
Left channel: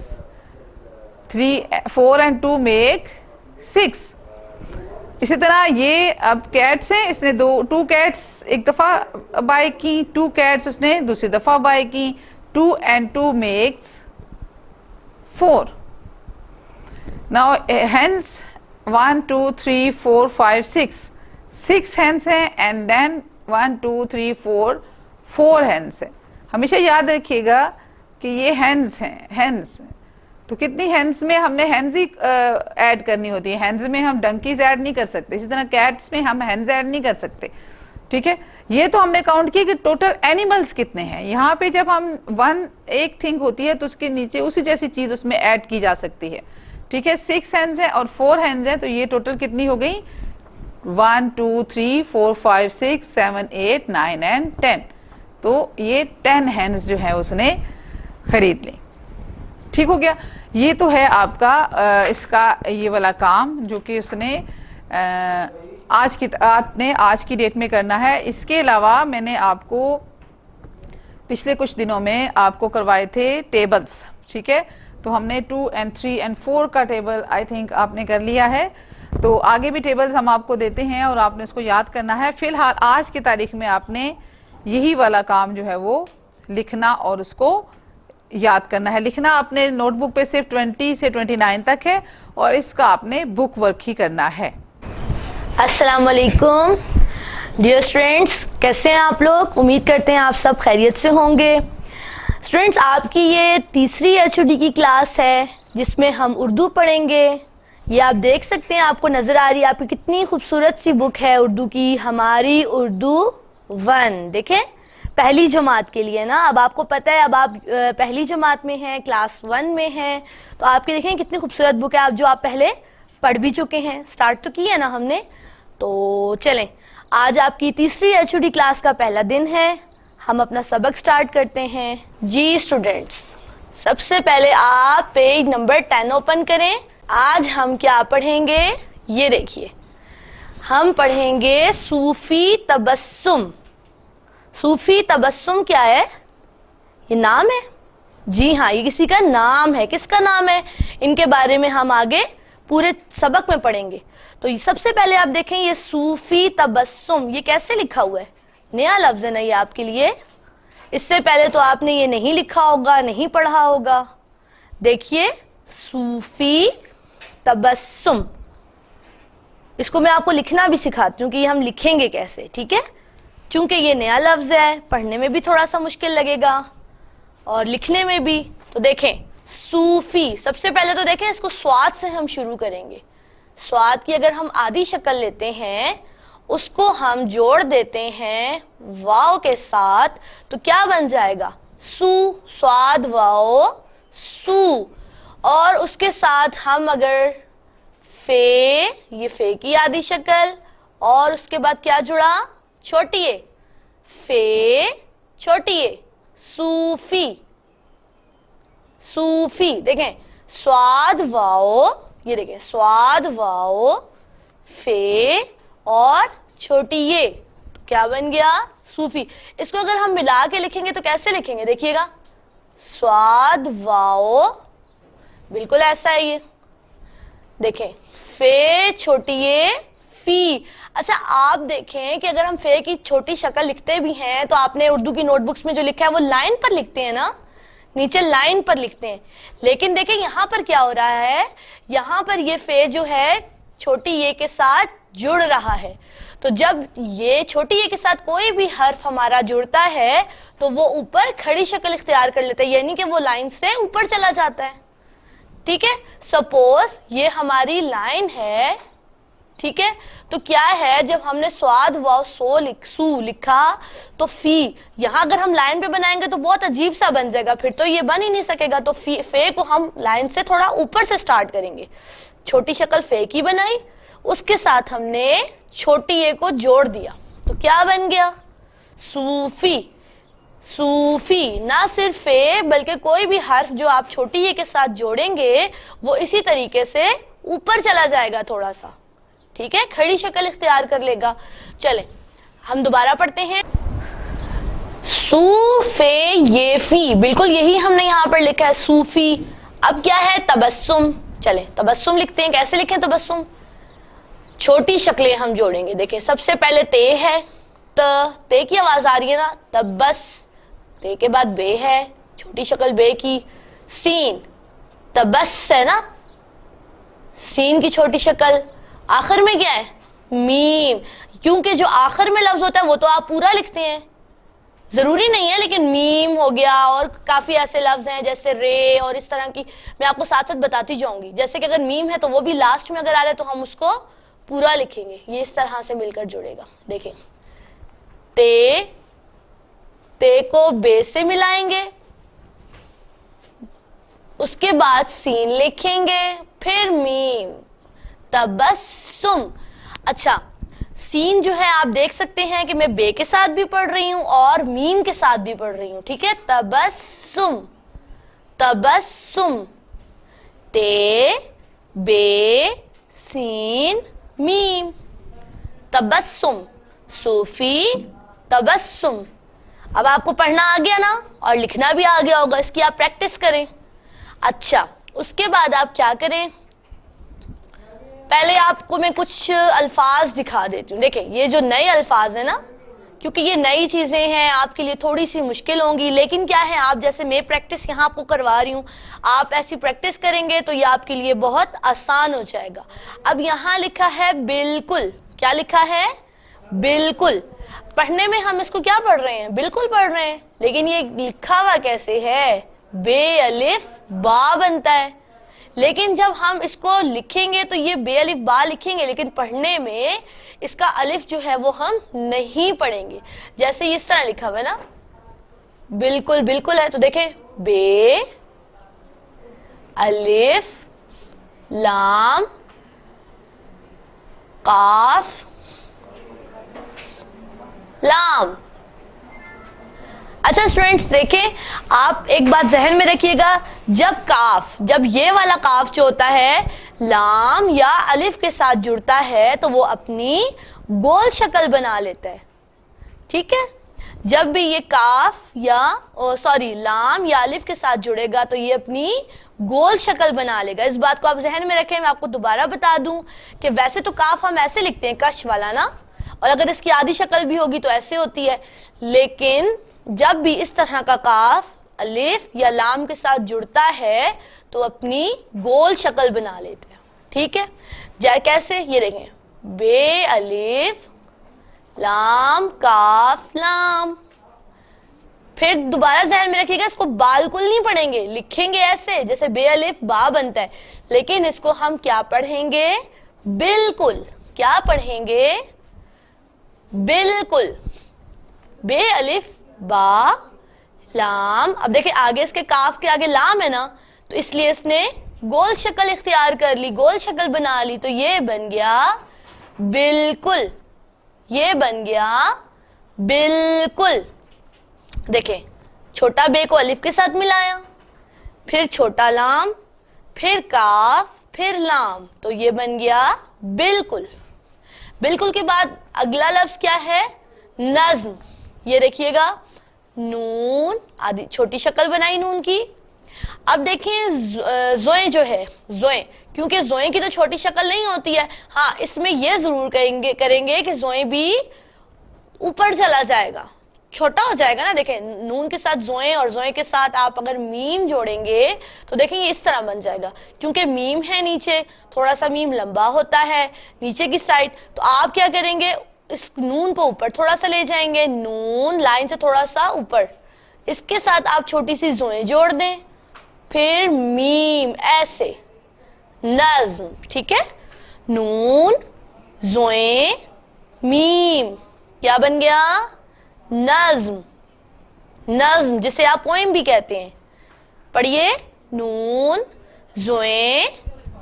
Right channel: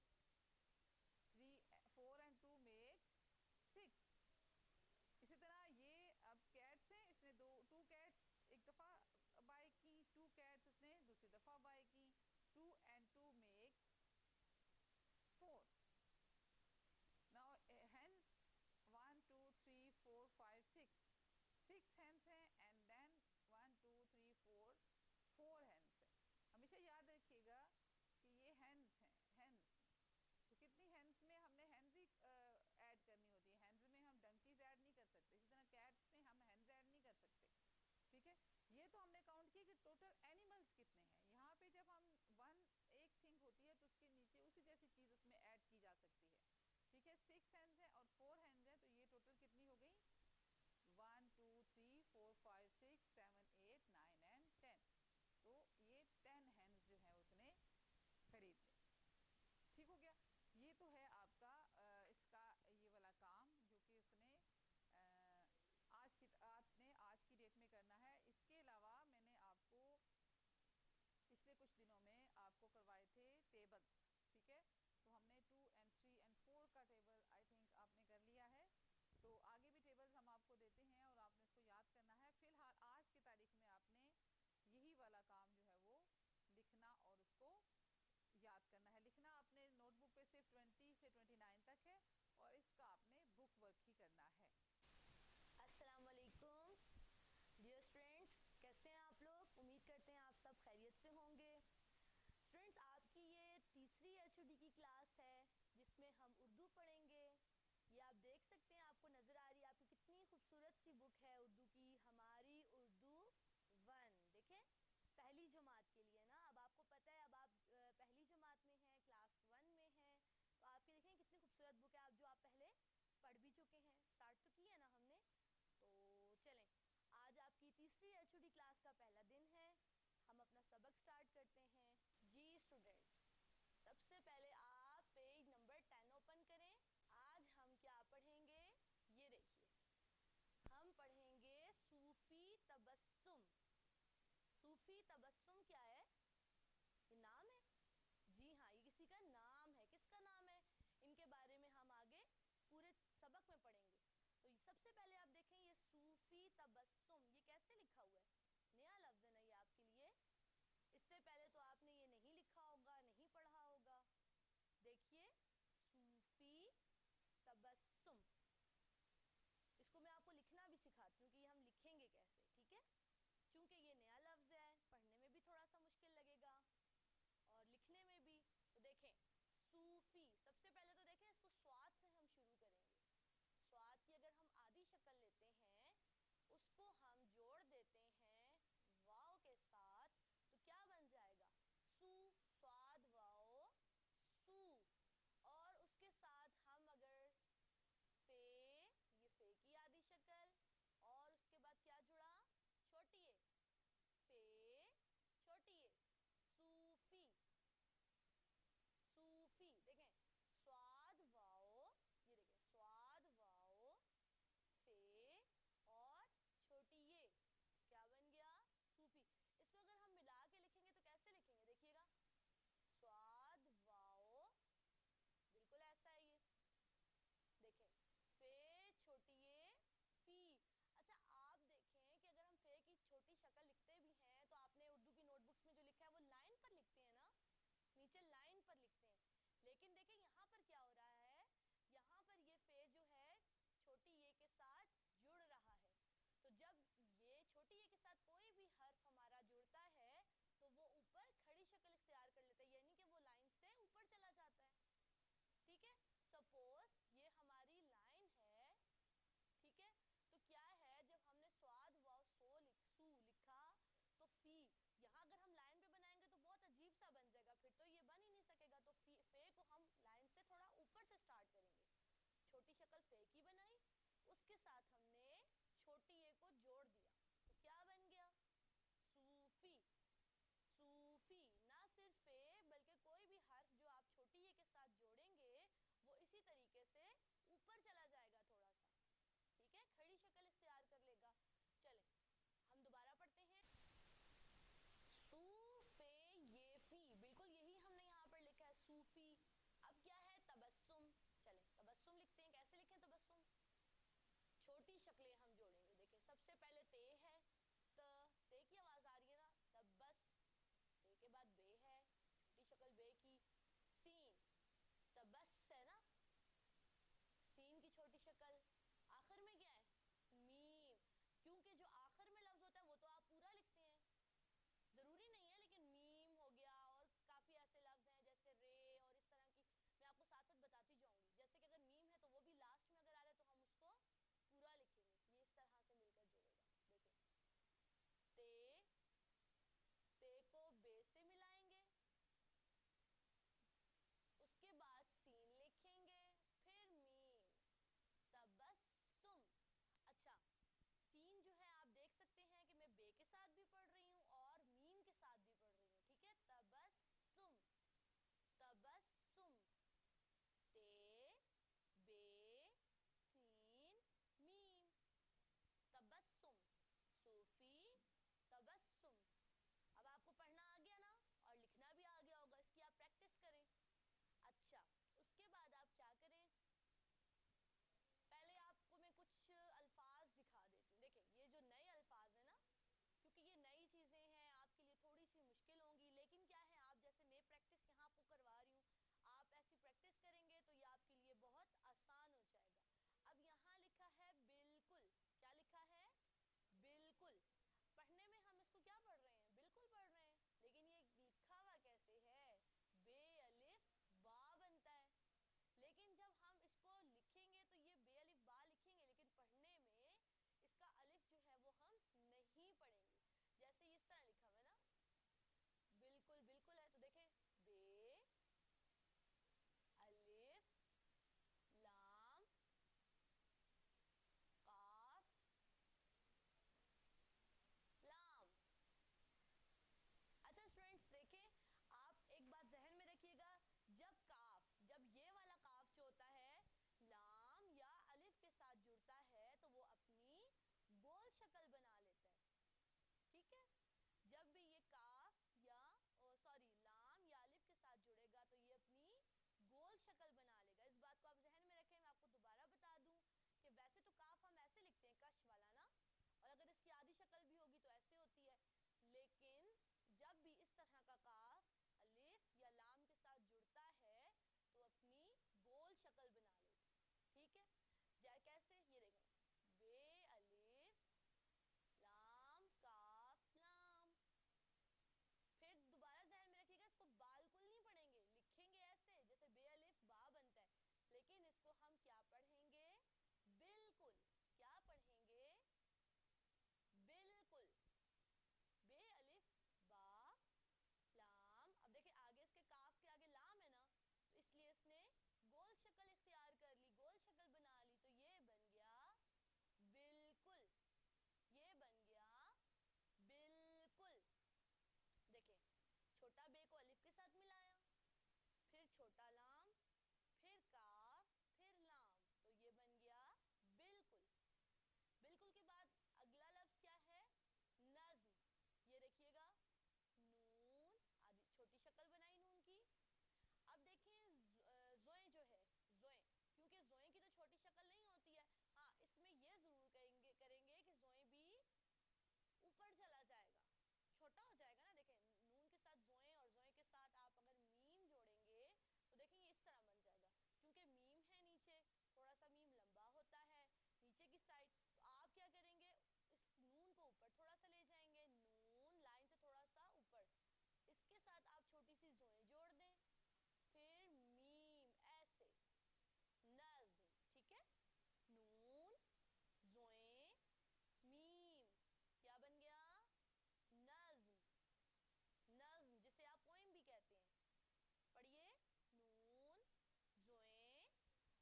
4 and 2 make 6। इसी तरह ये अब कैट्स हैं, इसने 2 कैट्स एक दफा बाय की, 2 कैट्स उसने दूसरी दफा बाय की, 2 and 2 makes 4। Now hens 1 2 3 4 5 6 hens हैं एंड देन 1 2 3 4 hens हैं। हमेशा याद रखिएगा कि ये hens हैं, तो कितनी हेंस में हमने हेंस ही ऐड करनी होती है, हेंस में हम डंकीज ऐड नहीं कर सकते, इसी तरह कैट्स में हम हेंस ऐड नहीं कर सकते, ठीक है। ये तो हमने काउंट किया कि टोटल एनिमल्स कितने हैं। यहाँ पे जब हम एक थिंग होती है तो उसके नीचे उसी जैसी चीज उसमें ऐड की जा सकती है, ठीक है। 6 हेंस है और 4 हेंस है, तो ये टोटल कितनी हो गई? 1 2 3 4 5 6 7 8 9 एंड 10, तो ये 10 हेंस जो है उसने खरीद ली। ठीक हो गया। ये तो है आपका इसका ये वाला काम जो कि उसने आपने आज की डेट में करना है। इसके अलावा मैंने आपको पिछले कुछ दिनों में आपको करवाए थे टेबल्स, ठीक है। तो हमने 2 and 3 and 4 का टेबल आई थिंक आपने कर लिया है, तो आगे भी टेबल्स हम आपको देते हैं और आपने इसको याद करना है। फिलहाल आज की तारीख में आपने यही वाला काम जो है वो लिखना और उसको याद करना है। लिखना अपने नोटबुक पे सिर्फ 20 से 29 तक है और इसका आपने बुक वर्क ही करना है। अस्सलाम वालेकुम डियर स्टूडेंट्स, कैसे हैं आप लोग? उम्मीद करते हैं आप सब खैरियत से होंगे। स्टूडेंट्स, आपकी ये तीसरी HOD की क्लास है जिसमें हम उर्दू पढ़ेंगे। ये आप देख सकते हैं, आपको नज़र आ रही है आपकी कितनी खूबसूरत सी बुक है उर्दू की, हमारी उर्दू 1। देखें, पहली जमात के लिए ना, अब आपको पता है अब आप पहली जमात में हैं, क्लास 1 में हैं, तो आपके देखें कितनी खूबसूरत बुक है, आप जो आप पहले पढ़ भी चुके हैं, स्टार्ट तो की है ना हमने। तो चलें, आज आपकी तीसरी HOD क्लास का पहला दिन है। हम अपना सबक स्टार्ट करते हैं। जी स्टूडेंट्स, सबसे पहले आप पेज नंबर 10 ओपन करें। आज हम क्या पढ़ेंगे, ये देखिए, हम पढ़ेंगे सूफी तबस्सुम। सूफी तबस्सुम क्या है? ये नाम है। जी हाँ, ये किसी का नाम है। किसका नाम है? इनके बारे में हम आगे पूरे सबक में पढ़ेंगे। तो ये सबसे पहले आप देखें, ये सूफी तबस्सुम ये कैसे लिखा हुआ है? नया लफ्ज है ना ये आपके लिए। इससे पहले तो आपने ये नहीं लिखा होगा, नहीं पढ़ा होगा। देखिए, सूफी तबस्सुम, इसको मैं आपको लिखना भी सिखाती हूँ कि ये हम लिखेंगे कैसे, ठीक है? क्योंकि ये नया लफ्ज है, पढ़ने में भी थोड़ा सा मुश्किल लगेगा और लिखने में भी। तो देखें, सूफी, सबसे पहले तो देखें इसको स्वाद से हम शुरू करेंगे। स्वाद की अगर हम आधी शक्ल लेते हैं, उसको हम जोड़ देते हैं वाव के साथ, तो क्या बन जाएगा? सू, स्वाद वाओ सू। और उसके साथ हम अगर फे, ये फे की आधी शक्ल, और उसके बाद क्या जुड़ा? छोटी ए, फे छोटी ए, सूफी। सूफी देखें, स्वाद वाओ, ये देखें, स्वाद वाओ फे और छोटी ये, तो क्या बन गया? सूफी। इसको अगर हम मिला के लिखेंगे तो कैसे लिखेंगे? देखिएगा, स्वाद वाओ, बिल्कुल ऐसा है ये। देखें, फे छोटी ये फी। अच्छा, आप देखें कि अगर हम फे की छोटी शक्ल लिखते भी हैं तो आपने उर्दू की नोटबुक्स में जो लिखा है वो लाइन पर लिखते हैं ना, नीचे लाइन पर लिखते हैं। लेकिन देखें यहाँ पर क्या हो रहा है, यहाँ पर ये फे जो है छोटी ये के साथ जुड़ रहा है। तो जब ये छोटी ये के साथ कोई भी हर्फ हमारा जुड़ता है तो वो ऊपर खड़ी शक्ल इख्तियार कर लेता है, यानी कि वो लाइन से ऊपर चला जाता है। ठीक है, सपोज ये हमारी लाइन है, ठीक है, तो क्या है, जब हमने स्वाद व सू लिखा तो फी, यहां अगर हम लाइन पे बनाएंगे तो बहुत अजीब सा बन जाएगा, फिर तो ये बन ही नहीं सकेगा। तो फे को हम लाइन से थोड़ा ऊपर से स्टार्ट करेंगे। छोटी शक्ल फे की बनाई, उसके साथ हमने छोटी ए को जोड़ दिया, तो क्या बन गया? सूफी। सूफी, ना सिर्फ फे बल्कि कोई भी हर्फ जो आप छोटी ए के साथ जोड़ेंगे वो इसी तरीके से ऊपर चला जाएगा थोड़ा सा, ठीक है, खड़ी शक्ल इख्तियार कर लेगा। चले हम दोबारा पढ़ते हैं। सूफे ये फी, बिल्कुल यही हमने यहाँ पर लिखा है, सूफी। अब क्या है? तबस्सुम। चले तबस्सुम लिखते हैं। कैसे लिखें तबस्सुम? छोटी शक्लें हम जोड़ेंगे। देखिए, सबसे पहले ते है, ते की आवाज आ रही है ना, तबस, ते के बाद बे है, छोटी शक्ल बे की, सीन, तबस है ना, सीन की छोटी शक्ल। आखिर में क्या है? मीम, क्योंकि जो आखिर में लफ्ज होता है वो तो आप पूरा लिखते हैं, जरूरी नहीं है, लेकिन मीम हो गया और काफी ऐसे लफ्ज हैं जैसे रे और इस तरह की, मैं आपको साथ साथ बताती जाऊंगी। जैसे कि अगर मीम है तो वो भी लास्ट में अगर आ रहा है तो हम उसको पूरा लिखेंगे, ये इस तरह से मिलकर जुड़ेगा। देखें, ते को बे से मिलाएंगे, उसके बाद सीन लिखेंगे, फिर मीम, तबस्सुम। अच्छा, सीन जो है आप देख सकते हैं कि मैं बे के साथ भी पढ़ रही हूं और मीम के साथ भी पढ़ रही हूं, ठीक है, तबस्सुम, तबस्सुम, ते बे सीन मीम, तबस्सुम, सूफी तबस्सुम। अब आपको पढ़ना आ गया ना और लिखना भी आ गया होगा, इसकी आप प्रैक्टिस करें। अच्छा, उसके बाद आप क्या करें, पहले आपको मैं कुछ अल्फाज दिखा देती हूँ। देखें, ये जो नए अल्फाज है ना, क्योंकि ये नई चीजें हैं आपके लिए थोड़ी सी मुश्किल होंगी, लेकिन क्या है, आप जैसे मैं प्रैक्टिस यहाँ आपको करवा रही हूँ, आप ऐसी प्रैक्टिस करेंगे तो ये आपके लिए बहुत आसान हो जाएगा। अब यहाँ लिखा है बिल्कुल, क्या लिखा है? बिल्कुल। पढ़ने में हम इसको क्या पढ़ रहे हैं? बिल्कुल पढ़ रहे हैं, लेकिन ये लिखा हुआ कैसे है? बे अलिफ बा बनता है, लेकिन जब हम इसको लिखेंगे तो ये बे अलिफ बा लिखेंगे, लेकिन पढ़ने में इसका अलिफ जो है वो हम नहीं पढ़ेंगे। जैसे इस तरह लिखा हुआ है ना, बिल्कुल बिल्कुल है, तो देखें, बे अलिफ लाम काफ लाम। अच्छा स्टूडेंट्स देखें, आप एक बात जहन में रखिएगा, जब ये वाला काफ जो होता है लाम या अलिफ के साथ जुड़ता है तो वो अपनी गोल शक्ल बना लेता है। ठीक है, जब भी ये काफ या लाम या अलिफ के साथ जुड़ेगा तो ये अपनी गोल शक्ल बना लेगा। इस बात को आप जहन में रखें। मैं आपको दोबारा बता दूं कि वैसे तो काफ हम ऐसे लिखते हैं, कश वाला ना, और अगर इसकी आधी शक्ल भी होगी तो ऐसे होती है, लेकिन जब भी इस तरह का काफ अलिफ या लाम के साथ जुड़ता है तो अपनी गोल शक्ल बना लेते हैं। ठीक है, कैसे, ये देखें, बे अलिफ लाम काफ लाम। फिर दोबारा ध्यान में रखिएगा, इसको बिल्कुल नहीं पढ़ेंगे, लिखेंगे ऐसे जैसे बे अलिफ बा बनता है, लेकिन इसको हम क्या पढ़ेंगे, बिल्कुल। क्या पढ़ेंगे, बिल्कुल। बे अलिफ बा लाम। अब देखिए आगे इसके काफ के आगे लाम है ना, तो इसलिए इसने गोल शक्ल इख्तियार कर ली, गोल शक्ल बना ली, तो ये बन गया बिल्कुल, ये बन गया बिल्कुल। देखें, छोटा बे को अलिफ के साथ मिलाया, फिर छोटा लाम, फिर काफ, फिर लाम, तो ये बन गया बिल्कुल। बिल्कुल के बाद अगला लफ्ज क्या है, नज्म। ये देखिएगा, नून, आदि छोटी शक्ल बनाई नून की। अब देखें जोए जो है, जोए, क्योंकि जोए की तो छोटी शक्ल नहीं होती है, हाँ इसमें ये जरूर करेंगे कि जोए भी ऊपर चला जाएगा, छोटा हो जाएगा ना। देखें, नून के साथ जोए और जोए के साथ आप अगर मीम जोड़ेंगे तो देखें ये इस तरह बन जाएगा, क्योंकि मीम है नीचे, थोड़ा सा मीम लंबा होता है नीचे की साइड, तो आप क्या करेंगे, इस नून को ऊपर थोड़ा सा ले जाएंगे, नून लाइन से थोड़ा सा ऊपर, इसके साथ आप छोटी सी जोए जोड़ दें, फिर मीम, ऐसे नज्म। ठीक है, नून जोए मीम, क्या बन गया, नज्म। नज्म जिसे आप पोएम भी कहते हैं। पढ़िए, नून जोए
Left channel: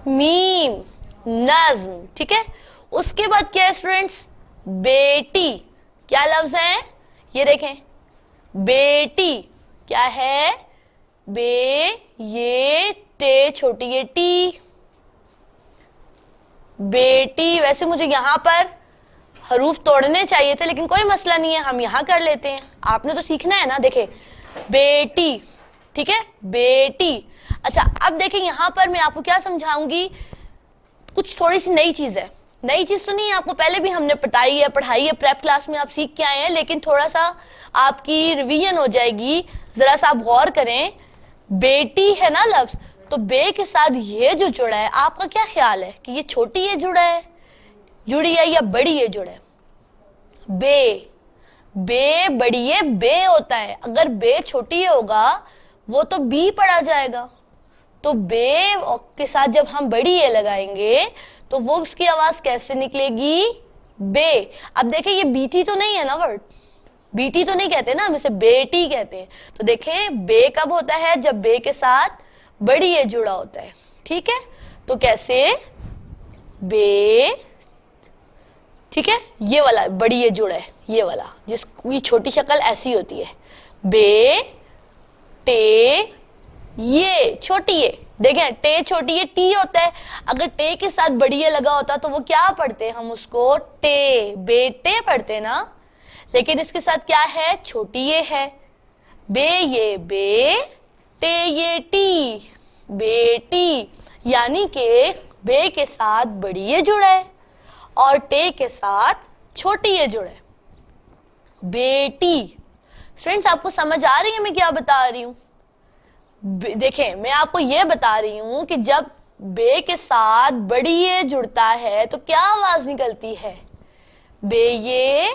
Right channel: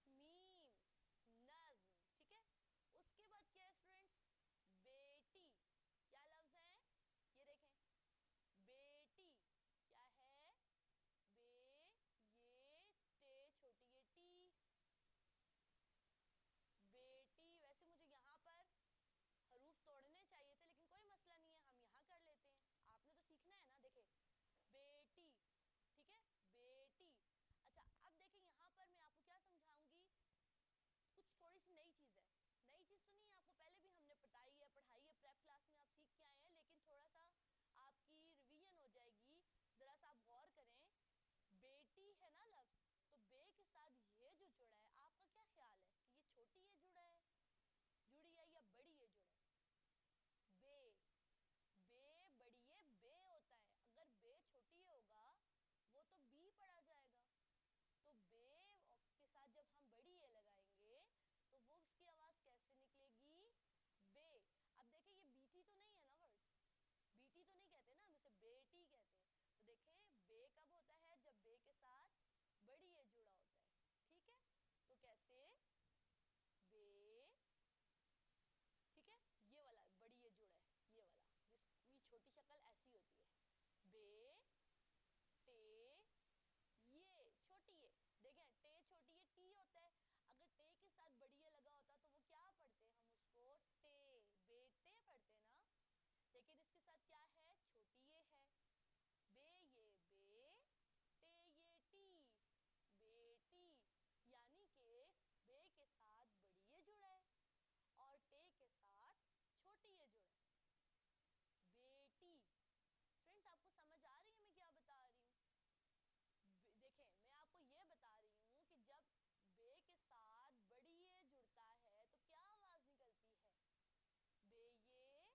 मीम, नज्म। ठीक है, उसके बाद क्या है स्टूडेंट्स, बेटी। क्या लफ्ज है, ये देखें, बेटी क्या है, बे ये टे छोटी ये टी, बेटी। वैसे मुझे यहाँ पर हरूफ तोड़ने चाहिए थे, लेकिन कोई मसला नहीं है, हम यहाँ कर लेते हैं, आपने तो सीखना है ना। देखें, बेटी, ठीक है, बेटी। अच्छा, अब देखें यहाँ पर मैं आपको क्या समझाऊंगी, कुछ थोड़ी सी नई चीज है। नई चीज तो नहीं है, आपको पहले भी हमने पढ़ाई है, प्रेप क्लास में आप सीख के आए हैं, लेकिन थोड़ा सा आपकी रिवीजन हो जाएगी। जरा सा आप गौर करें, बेटी है ना लफ्ज, तो बे के साथ ये जो जुड़ा है, आपका क्या ख्याल है कि ये छोटी ये जुड़ी है या बड़ी ये जुड़ा है, बे बड़ी ये बे होता है। अगर बे छोटी होगा वो तो बी पढ़ा जाएगा, तो बे के साथ जब हम बड़ी ये लगाएंगे तो वो उसकी आवाज कैसे निकलेगी, बे। अब देखें, ये बीटी तो नहीं है ना वर्ड, बीटी तो नहीं कहते ना, हम इसे बेटी कहते हैं। तो देखें, बे कब होता है, जब बे के साथ बड़ी ये जुड़ा होता है। ठीक है, तो कैसे, बे, ठीक है, ये वाला बड़ी ये जुड़ा है, ये वाला, जिसकी छोटी शक्ल ऐसी होती है, बे टे ये छोटी ये। देखें, टे छोटी ये टी होता है, अगर टे के साथ बड़ी ये लगा होता तो वो क्या पढ़ते, हम उसको टे, बेटे पढ़ते ना, लेकिन इसके साथ क्या है, छोटी ये है, बे ये बे, टे ये टी, बेटी। यानी कि बे के साथ बड़ी ये जुड़ा है और टे के साथ छोटी ये जुड़ा है, बेटी। स्टूडेंट्स, आपको समझ आ रही है मैं क्या बता रही हूं? देखें, मैं आपको ये बता रही हूं कि जब बे के साथ बड़ी ये जुड़ता है तो क्या आवाज निकलती है, बे ये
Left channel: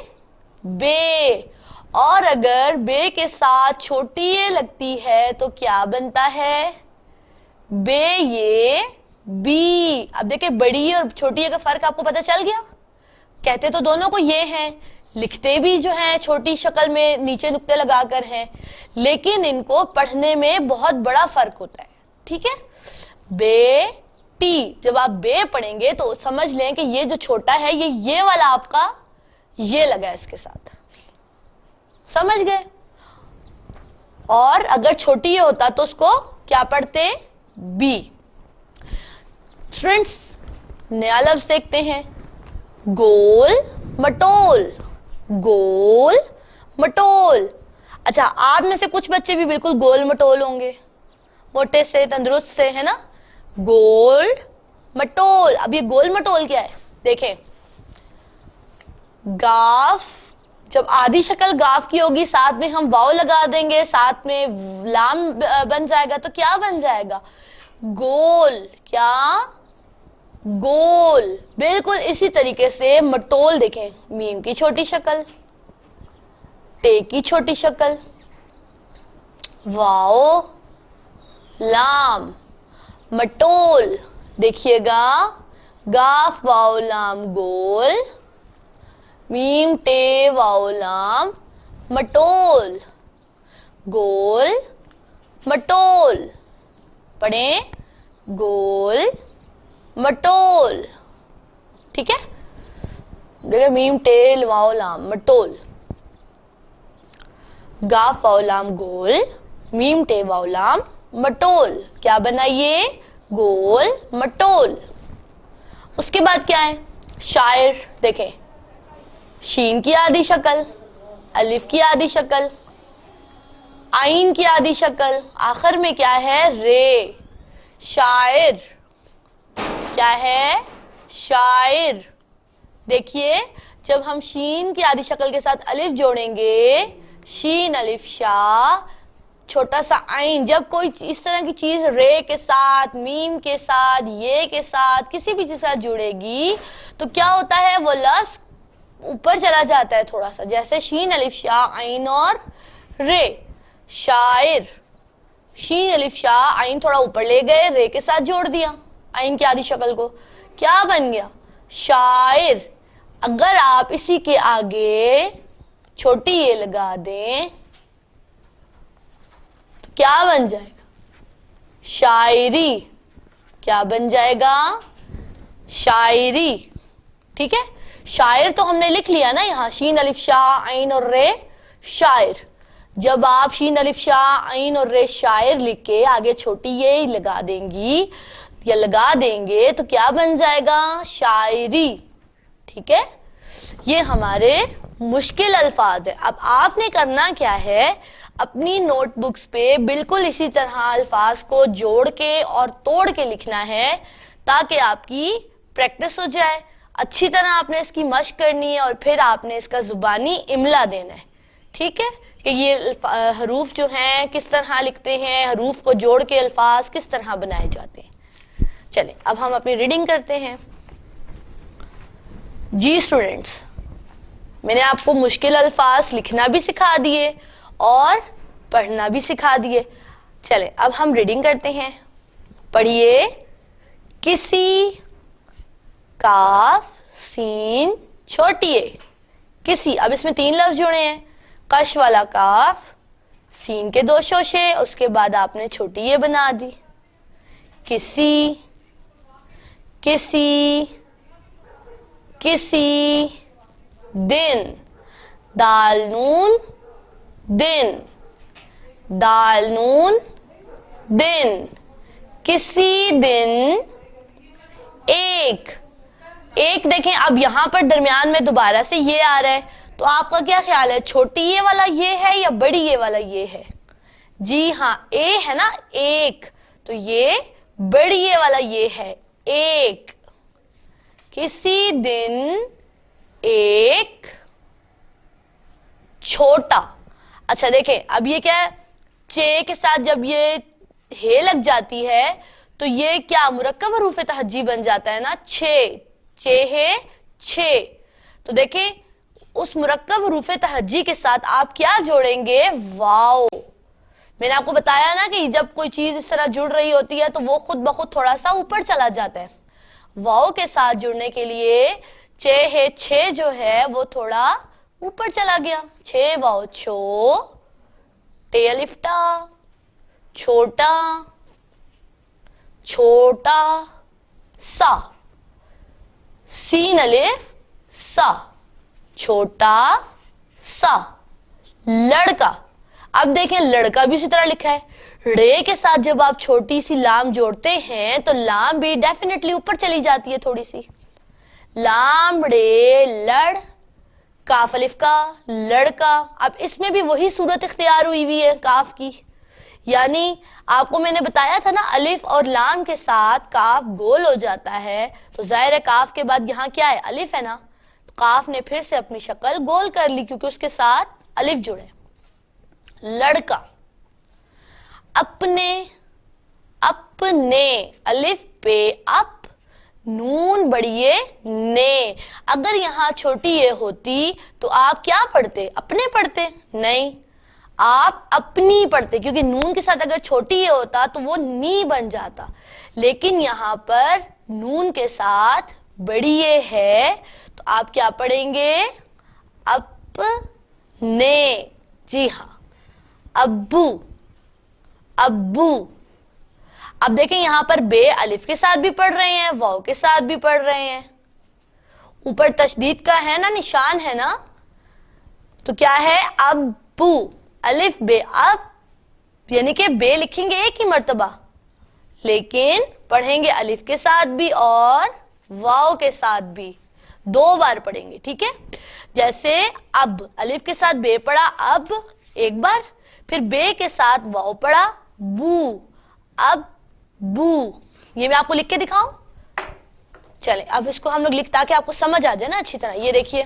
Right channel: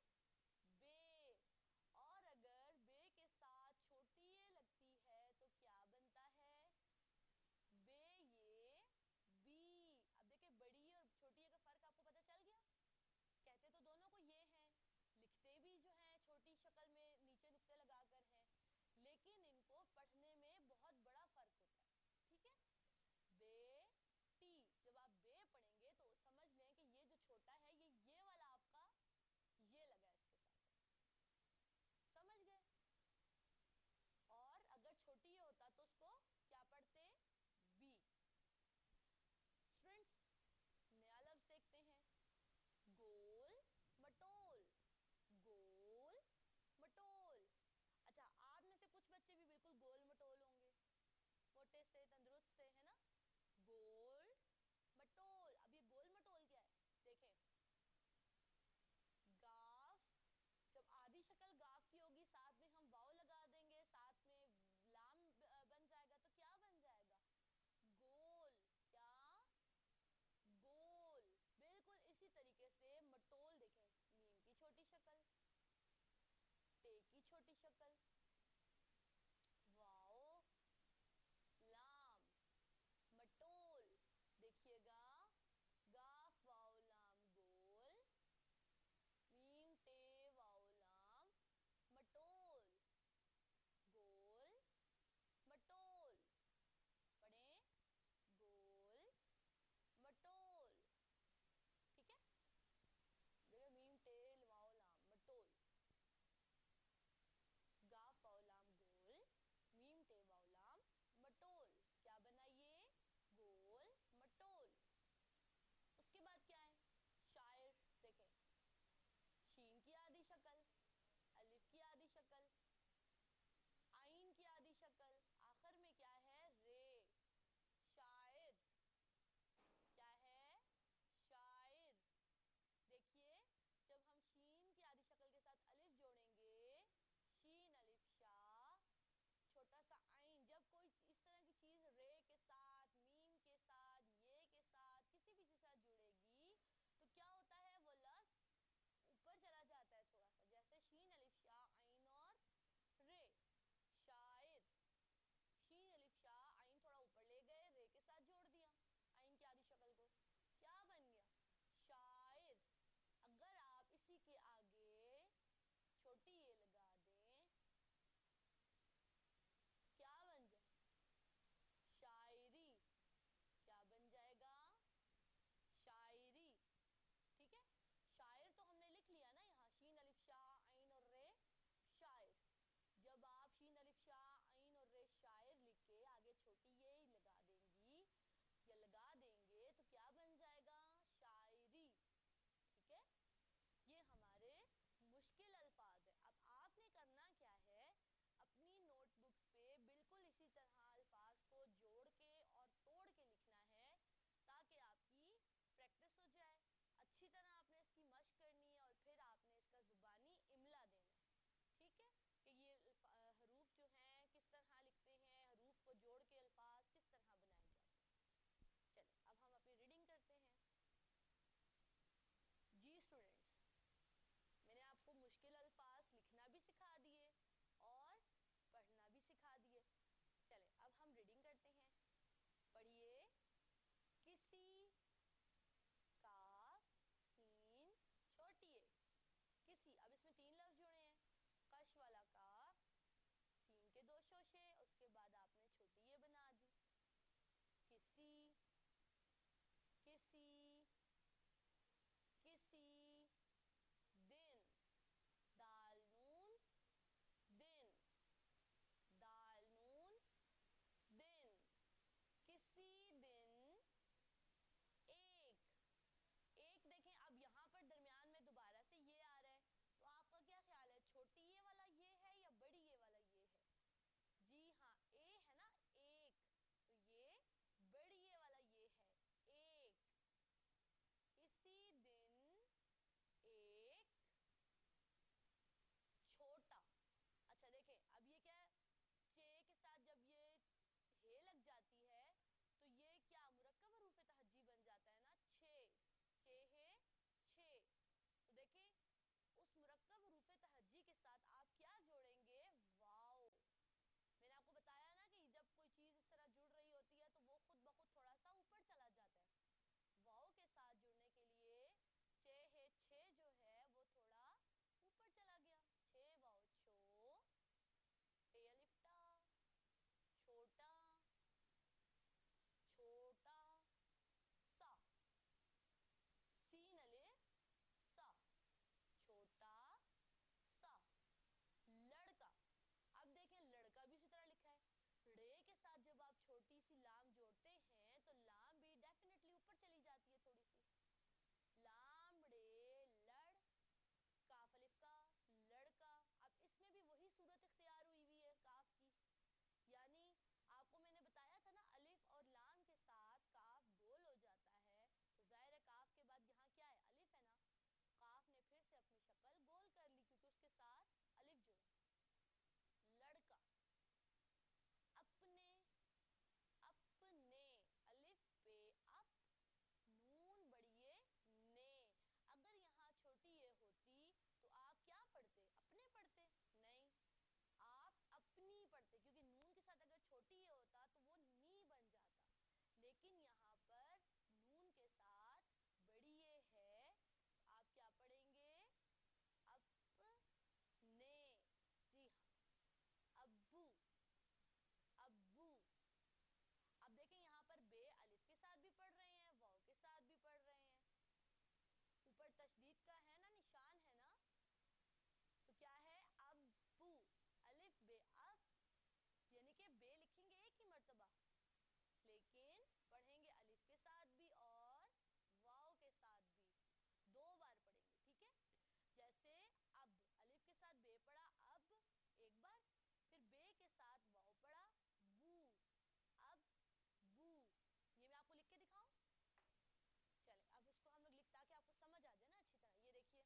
बे। और अगर बे के साथ छोटी ये लगती है तो क्या बनता है, बे ये बी। अब देखिए, बड़ी और छोटी का फर्क आपको पता चल गया। कहते तो दोनों को ये हैं, लिखते भी जो है छोटी शक्ल में नीचे नुक्ते लगाकर हैं, लेकिन इनको पढ़ने में बहुत बड़ा फर्क होता है। ठीक है, बे टी, जब आप बे पढ़ेंगे तो समझ लें कि ये जो छोटा है ये वाला आपका ये लगा है इसके साथ, समझ गए। और अगर छोटी ये होता तो उसको क्या पढ़ते, बी। स्टूडेंट्स नया लफ्ज देखते हैं, गोल मटोल, गोल मटोल। अच्छा, आप में से कुछ बच्चे भी बिल्कुल गोल मटोल होंगे, मोटे से तंदुरुस्त से, है ना। गोल मटोल। अब ये गोल मटोल क्या है, देखें, गाफ, जब आधी शक्ल गाफ की होगी साथ में हम वाव लगा देंगे, साथ में लाम बन जाएगा, तो क्या बन जाएगा, गोल। क्या, गोल। बिल्कुल इसी तरीके से मटोल देखें, मीम की छोटी शक्ल, टे की छोटी शक्ल, वाओ लाम, मटोल। देखिएगा, गाफ वाओ लाम गोल, मीम टे वाओ लाम मटोल, गोल मटोल। पढ़ें, गोल मटोल। ठीक है, देखिए, मीम टेल वाओ लाम मटोल, गाफ वाओ लाम गोल, मीम टे वाओ लाम मटोल। क्या बना ये, गोल मटोल। उसके बाद क्या है, शायर। देखें, शीन की आधी शक्ल, अलिफ की आधी शक्ल, आइन की आधी शक्ल, आखिर में क्या है, रे। शायर। क्या है, शायर। देखिए, जब हम शीन की आधी शक्ल के साथ अलिफ जोड़ेंगे, शीन अलिफ शाह, छोटा सा आइन, जब कोई इस तरह की चीज रे के साथ, मीम के साथ, ये के साथ, किसी भी चीज के साथ जुड़ेगी तो क्या होता है, वो लफ्ज ऊपर चला जाता है थोड़ा सा, जैसे शीन अलिफ शाह आइन और रे। शायर, शीन अलिफ शाह आइन थोड़ा ऊपर ले गए, रे के साथ जोड़ दिया आइन की आधी शक्ल को, क्या बन गया, शायर। अगर आप इसी के आगे छोटी ये लगा दें तो क्या बन जाएगा, शायरी। क्या बन जाएगा, शायरी। ठीक है, शायर तो हमने लिख लिया ना यहाँ, शीन अलिफ शाह आइन और रे, शायर। जब आप शीन अलिफ शाह आइन और रे शायर लिख के आगे छोटी ये लगा देंगी या लगा देंगे तो क्या बन जाएगा, शायरी। ठीक है, ये हमारे मुश्किल अल्फाज है। अब आपने करना क्या है, अपनी नोटबुक्स पे बिल्कुल इसी तरह अल्फाज को जोड़ के और तोड़ के लिखना है ताकि आपकी प्रैक्टिस हो जाए। अच्छी तरह आपने इसकी मशक करनी है और फिर आपने इसका जुबानी इमला देना है। ठीक है, कि ये हरूफ जो हैं किस तरह लिखते हैं, हरूफ को जोड़ के अल्फाज किस तरह बनाए जाते हैं। चलें, अब हम अपनी रीडिंग करते हैं। जी स्टूडेंट्स, मैंने आपको मुश्किल अल्फाज लिखना भी सिखा दिए और पढ़ना भी सिखा दिए। चलें, अब हम रीडिंग करते हैं। पढ़िए, किसी, काफ सीन छोटी ए, किसी। अब इसमें 3 लफ्ज जुड़े हैं, कश वाला काफ, सीन के 2 शोशे, उसके बाद आपने छोटी ये बना दी। किसी, किसी, किसी दिन, दाल नून दिन, दाल नून दिन। किसी दिन एक, एक देखें, अब यहां पर दरमियान में दोबारा से ये आ रहा है, तो आपका क्या ख्याल है, छोटी ये वाला ये है या बड़ी ये वाला ये है? जी हाँ, ए है ना, एक, तो ये बड़ी ये वाला ये है, एक। किसी दिन एक छोटा। अच्छा देखें, अब ये क्या है, चे के साथ जब ये हे लग जाती है तो ये क्या मुरक्कब हरूफ तहज्जी बन जाता है ना, छे, चे है छे। तो देखें, उस मुरक्कब हरूफ तहज्जी के साथ आप क्या जोड़ेंगे, वाव। मैंने आपको बताया ना कि जब कोई चीज इस तरह जुड़ रही होती है तो वो खुद ब खुद थोड़ा सा ऊपर चला जाता है। वाव के साथ जुड़ने के लिए चे है छे जो है वो थोड़ा ऊपर चला गया, छे वाव छो, टे अलिफ्टा छोटा, छोटा सा, सीन अलिफ सा, छोटा सा, लड़का। अब देखें लड़का भी उसी तरह लिखा है, रे के साथ जब आप छोटी सी लाम जोड़ते हैं तो लाम भी डेफिनेटली ऊपर चली जाती है थोड़ी सी, लाम रे लड़, काफ अलिफ का लड़का। अब इसमें भी वही सूरत इख्तियार हुई है काफ की, यानी आपको मैंने बताया था ना अलिफ और लाम के साथ काफ गोल हो जाता है, तो जाहिर है काफ के बाद यहाँ क्या है, अलिफ है ना, तो काफ ने फिर से अपनी शक्ल गोल कर ली क्योंकि उसके साथ अलिफ जुड़े। लड़का, अपने, अपने, अलिफ पे अप, नून बढ़िए ने। अगर यहाँ छोटी ये होती तो आप क्या पढ़ते, अपने पढ़ते, नहीं आप अपनी पढ़ते, क्योंकि नून के साथ अगर छोटी ये होता तो वो नी बन जाता, लेकिन यहाँ पर नून के साथ बड़ी ये है तो आप क्या पढ़ेंगे, अपने। जी हाँ, अब्बू, अब्बू। अब देखें यहाँ पर बे अलिफ के साथ भी पढ़ रहे हैं, वाव के साथ भी पढ़ रहे हैं, ऊपर तशदीद का है ना निशान है ना, तो क्या है, अब्बू, अलिफ बे अब, यानी कि बे लिखेंगे एक ही मर्तबा, लेकिन पढ़ेंगे अलिफ के साथ भी और वाव के साथ भी, 2 बार पढ़ेंगे, ठीक है। जैसे अब अलिफ के साथ बे पढ़ा अब एक बार, फिर बे के साथ वाव पढ़ा बू, अब बू। ये मैं आपको लिख के दिखाऊं, चले अब इसको हम लोग लिख, ताकि आपको समझ आ जाए ना अच्छी तरह। ये देखिए,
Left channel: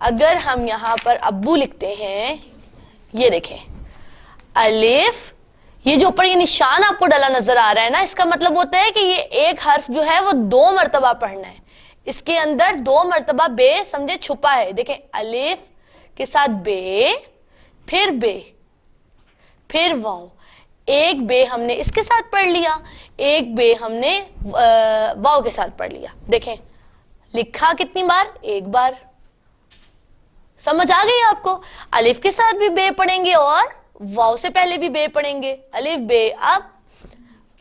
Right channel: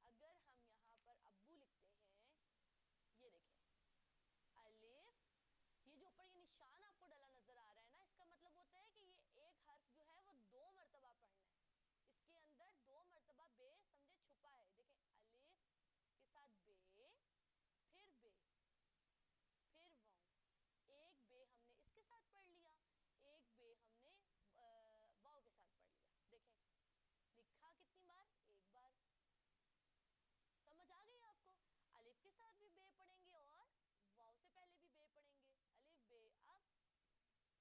अगर हम यहाँ पर अब्बू लिखते हैं, ये देखें अलिफ, ये जो ऊपर ये निशान आपको डला नजर आ रहा है ना, इसका मतलब होता है कि ये एक हर्फ जो है वो 2 मर्तबा पढ़ना है, इसके अंदर 2 मर्तबा बे समझे छुपा है। देखें अलिफ के साथ बे, फिर वाव, एक बे हमने इसके साथ पढ़ लिया, एक बे हमने वाव के साथ पढ़ लिया। देखें लिखा कितनी बार, एक बार। समझ आ गई आपको, अलिफ के साथ भी बे पढ़ेंगे और वाव से पहले भी बे पढ़ेंगे, अलिफ बे अब,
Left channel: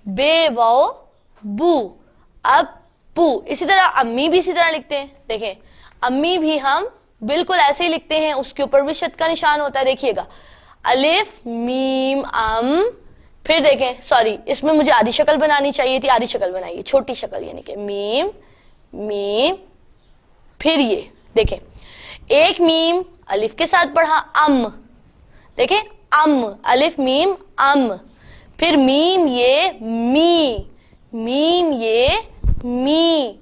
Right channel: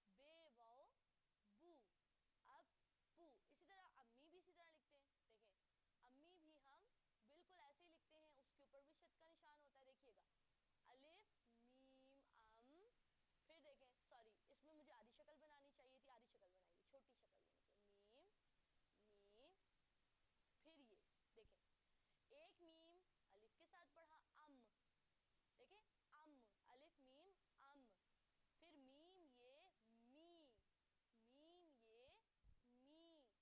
बे वाव बू, अब पू। इसी तरह अम्मी भी इसी तरह लिखते हैं, देखें अम्मी भी हम बिल्कुल ऐसे ही लिखते हैं, उसके ऊपर भी शद का निशान होता है, देखिएगा अलिफ मीम अम, फिर देखें सॉरी इसमें मुझे आधी शक्ल बनानी चाहिए थी, आधी शक्ल बनाइए, छोटी शक्ल, यानी कि मीम मीम, फिर ये देखें एक मीम अलिफ के साथ पढ़ा अम, देखें अम, अलिफ मीम अम, फिर मीम ये मी, मीम ये मी,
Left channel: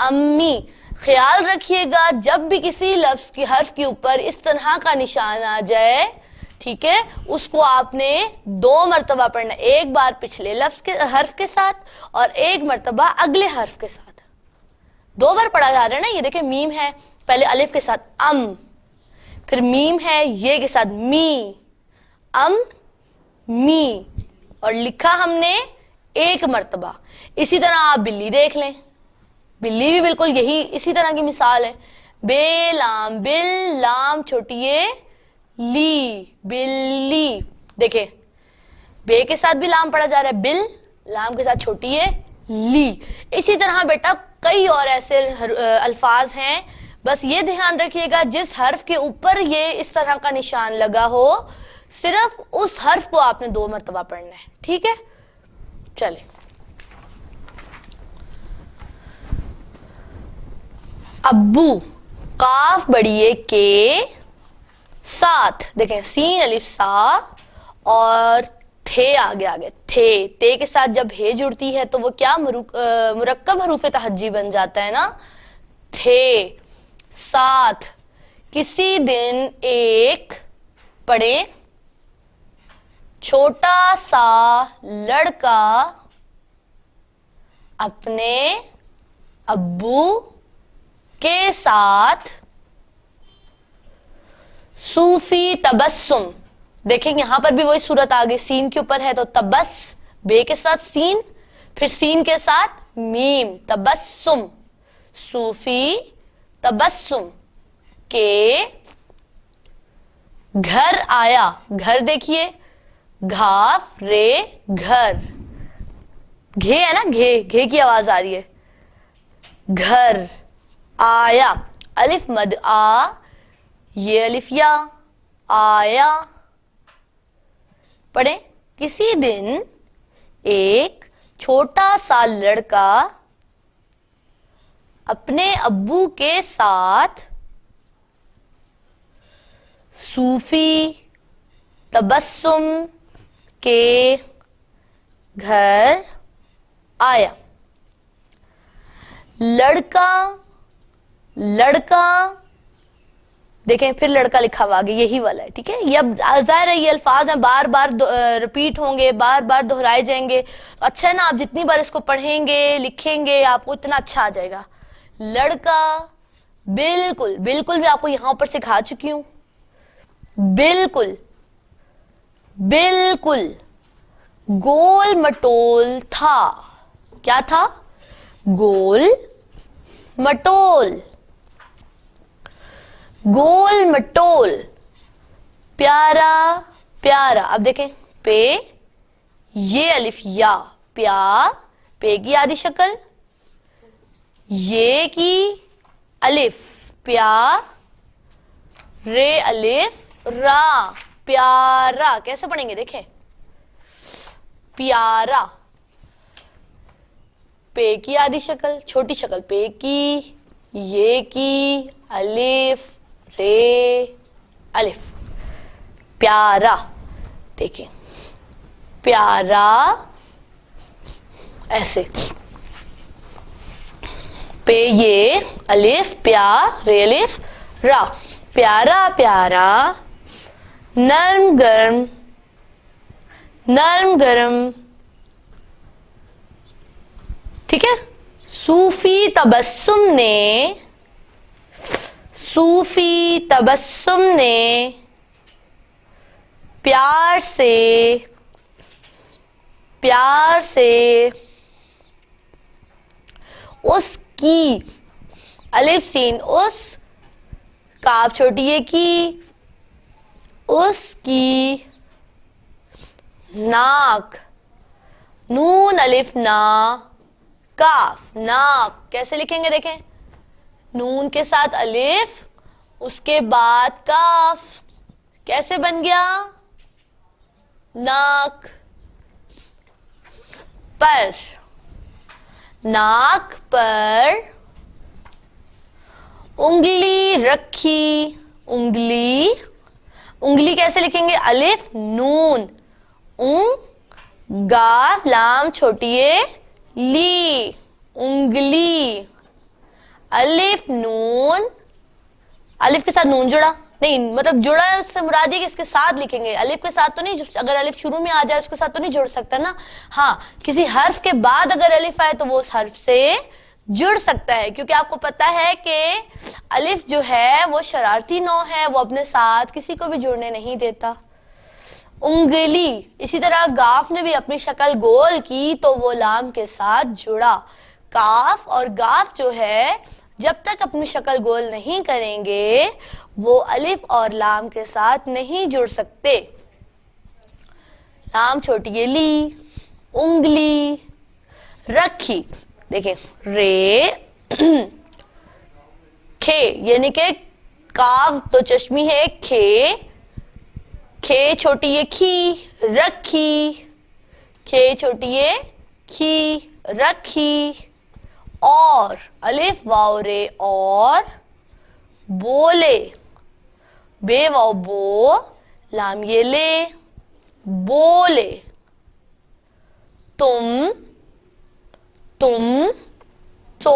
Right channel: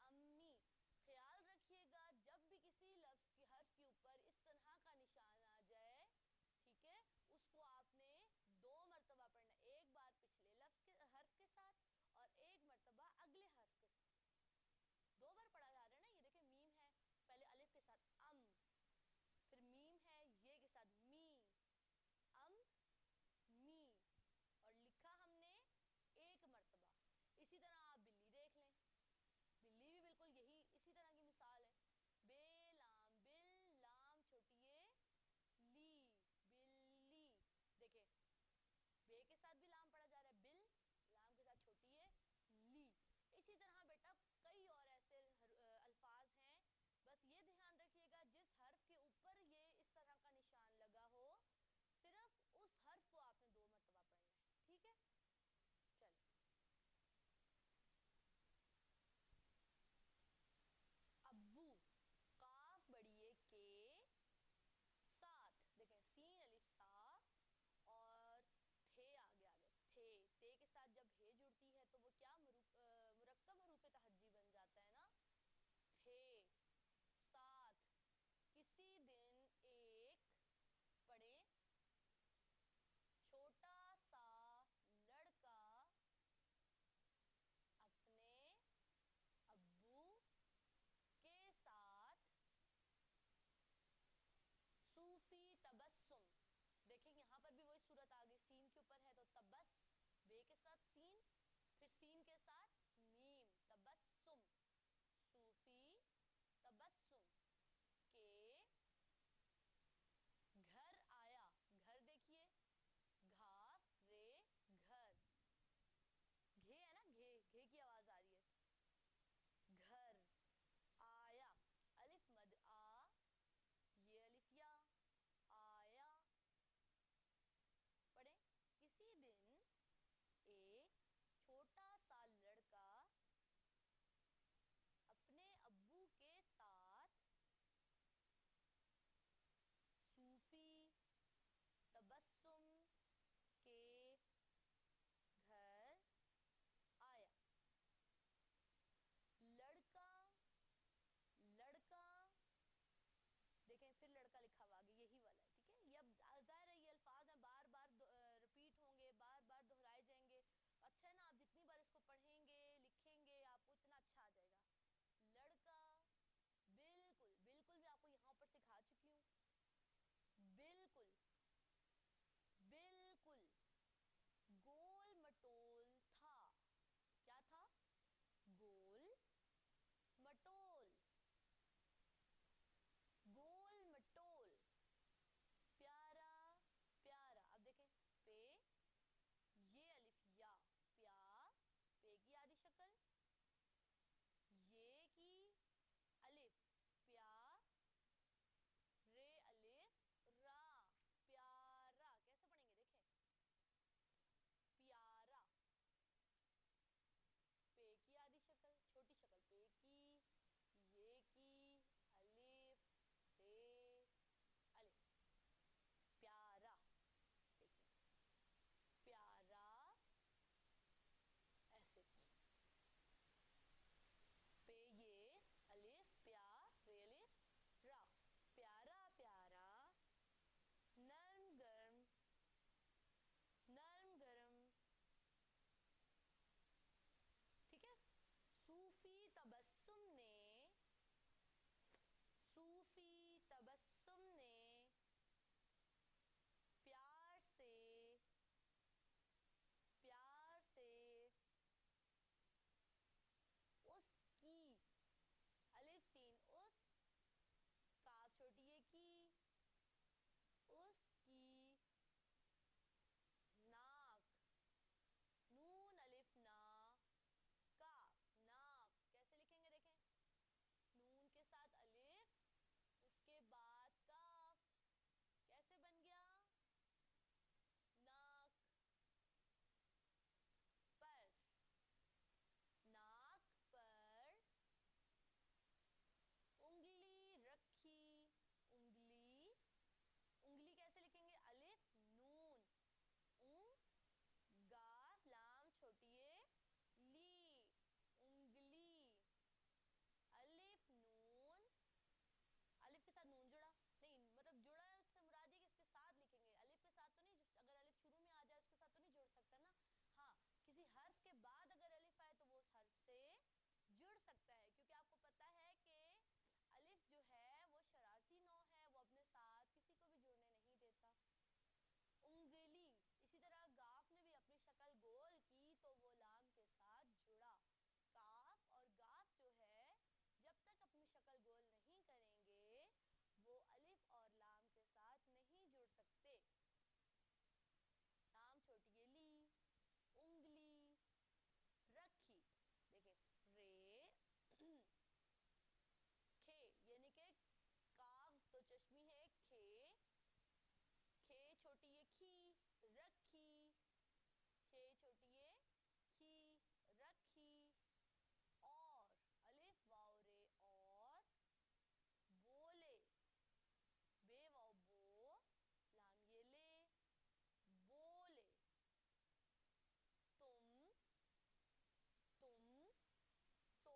अम्मी। ख्याल रखिएगा जब भी किसी लफ्ज की हर्फ के ऊपर इस तरह का निशान आ जाए, ठीक है, उसको आपने 2 मर्तबा पढ़ना, एक बार पिछले लफ्ज के हर्फ के साथ और एक मर्तबा अगले हर्फ के साथ, 2 बार पढ़ा जा रहा है ना। ये देखें मीम है, पहले अलिफ के साथ अम, फिर मीम है ये के साथ मी, अम मी, और लिखा हमने एक मर्तबा। इसी तरह आप बिल्ली देख लें, बिल्ली भी बिल्कुल यही इसी तरह की मिसाल है, बे लाम बिल, लाम छोटी ये ली, बिल्ली। देखें बे के साथ भी लाम पढ़ा जा रहा है बिल, लाम के साथ छोटी है ली। इसी तरह बेटा कई और ऐसे अल्फाज हैं, बस ये ध्यान रखिएगा जिस हर्फ के ऊपर ये इस तरह का निशान लगा हो, सिर्फ उस हर्फ को आपने 2 मर्तबा पढ़ना है, ठीक है। चले अब्बू, काफ बड़िए के साथ, देखें सीन अलिफ सा और थे आगे थे, ते के साथ जब हे जुड़ती है तो वो क्या मुरक्कब हरूफ तहज्जी बन जाता है ना, थे साथ। किसी दिन एक पढ़े, छोटा सा लड़का अपने अब्बू के साथ सूफी तबस्सुम। देखें यहां पर भी वही सूरत आ गई, सीन के ऊपर है तो तबस, बे के साथ सीन, फिर सीन के साथ मीम, तबस्सुम, सूफी तबस्सुम के घर आया। घर देखिए घाफ रे घर, घे है ना, घे घे की आवाज आ रही है, घर आया, अलिफ मद आ, ये अलिफ या, आया पढ़ें। किसी दिन एक छोटा सा लड़का अपने अब्बू के साथ सूफी तबस्सुम के घर आया। लड़का देखें, फिर लड़का लिखा हुआ आगे, यही वाला है, ठीक है। ये अब जाहिर है ये अल्फाज हैं, बार बार रिपीट होंगे, बार बार दोहराए जाएंगे। तो अच्छा है ना, आप जितनी बार इसको पढ़ेंगे लिखेंगे आपको इतना अच्छा आ जाएगा। लड़का, बिल्कुल बिल्कुल भी आपको यहां पर सिखा चुकी हूं। बिल्कुल बिल्कुल गोल मटोल था। क्या था? गोल मटोल। गोल मटोल, प्यारा प्यारा। अब देखें, पे ये अलिफ या, प्या, पे की आधी शक्ल, ये की अलिफ, प्या, रे अलिफ रा, प्यारा। कैसे पढ़ेंगे देखें, प्यारा, पे की आधी शक्ल, छोटी शक्ल पे की, ये की अलिफ, रे अलिफ, प्यारा। देखिए प्यारा, ऐसे पे ये अलिफ, प्या, रे अलिफ रा, प्यारा प्यारा, नर्म गरम, नर्म गरम, ठीक है। सूफी तबस्सुम ने प्यार से उसकी, अलिफ सीन उस, काफ छोटी ये की, उसकी नाक, नून अलिफ ना, काफ, नाक। कैसे लिखेंगे देखें, नून के साथ अलिफ, उसके बाद काफ, कैसे बन गया, नाक। पर, नाक पर उंगली रखी, उंगली, उंगली कैसे लिखेंगे, अलिफ नून, गाफ लाम छोटी ये ली, उंगली, अलिफ नून, अलिफ के साथ नून जुड़ा नहीं, मतलब जुड़ा है उससे मुराद है कि इसके साथ लिखेंगे, अलिफ के साथ तो नहीं। अगर अलिफ शुरू में आ जाए उसके साथ तो नहीं जुड़ सकता ना। हाँ, किसी हर्फ के बाद अगर अलिफ आए तो वो उस हर्फ से जुड़ सकता है, क्योंकि आपको पता है कि अलिफ जो है वो शरारती नौ है, वो अपने साथ किसी को भी जुड़ने नहीं देता। उंगली, इसी तरह गाफ ने भी अपनी शक्ल गोल की तो वो लाम के साथ जुड़ा। काफ और गाफ जो है जब तक अपनी शक्ल गोल नहीं करेंगे वो अलिफ और लाम के साथ नहीं जुड़ सकते। लाम छोटी ये ली, उंगली, रखी, देखें रे खे, यानी के काफ तो चश्मी है, खे, खे छोटी ये खी, रखी, खे छोटी ये खी, रखी। और अलिफ वाव रे, और बोले, बे वाव बो, लाम ये ले, बोले। तुम, तो,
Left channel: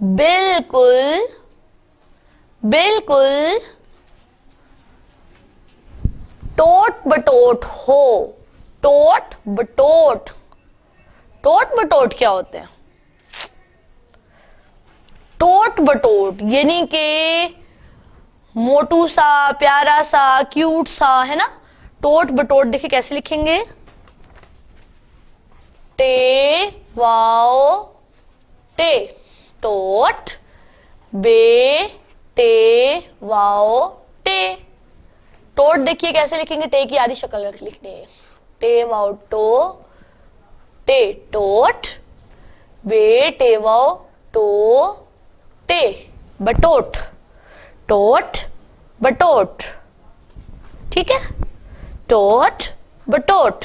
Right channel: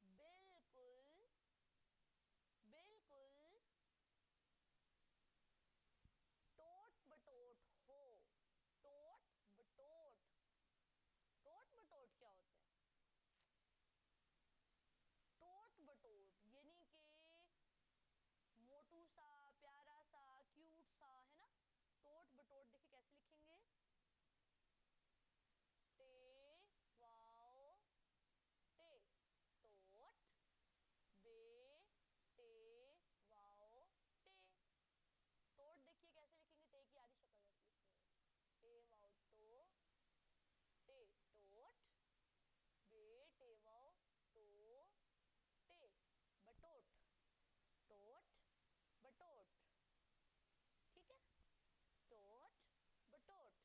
बिल्कुल, बिल्कुल, टोट बटोट हो, टोट बटोट। टोट बटोट क्या होते हैं? टोट बटोट यानी के मोटू सा, प्यारा सा, क्यूट सा, है ना। टोट बटोट देखिए कैसे लिखेंगे, टे वाओ टे, टोट, बे टे वाओ टे। टोट देखिए कैसे लिखेंगे, टे की आधी शक्ल लिखनी है, टे वाओ टो, टे टोट, बे टे वाओ टो टे, बटोट, टोट बटोट, ठीक है। टोट बटोट।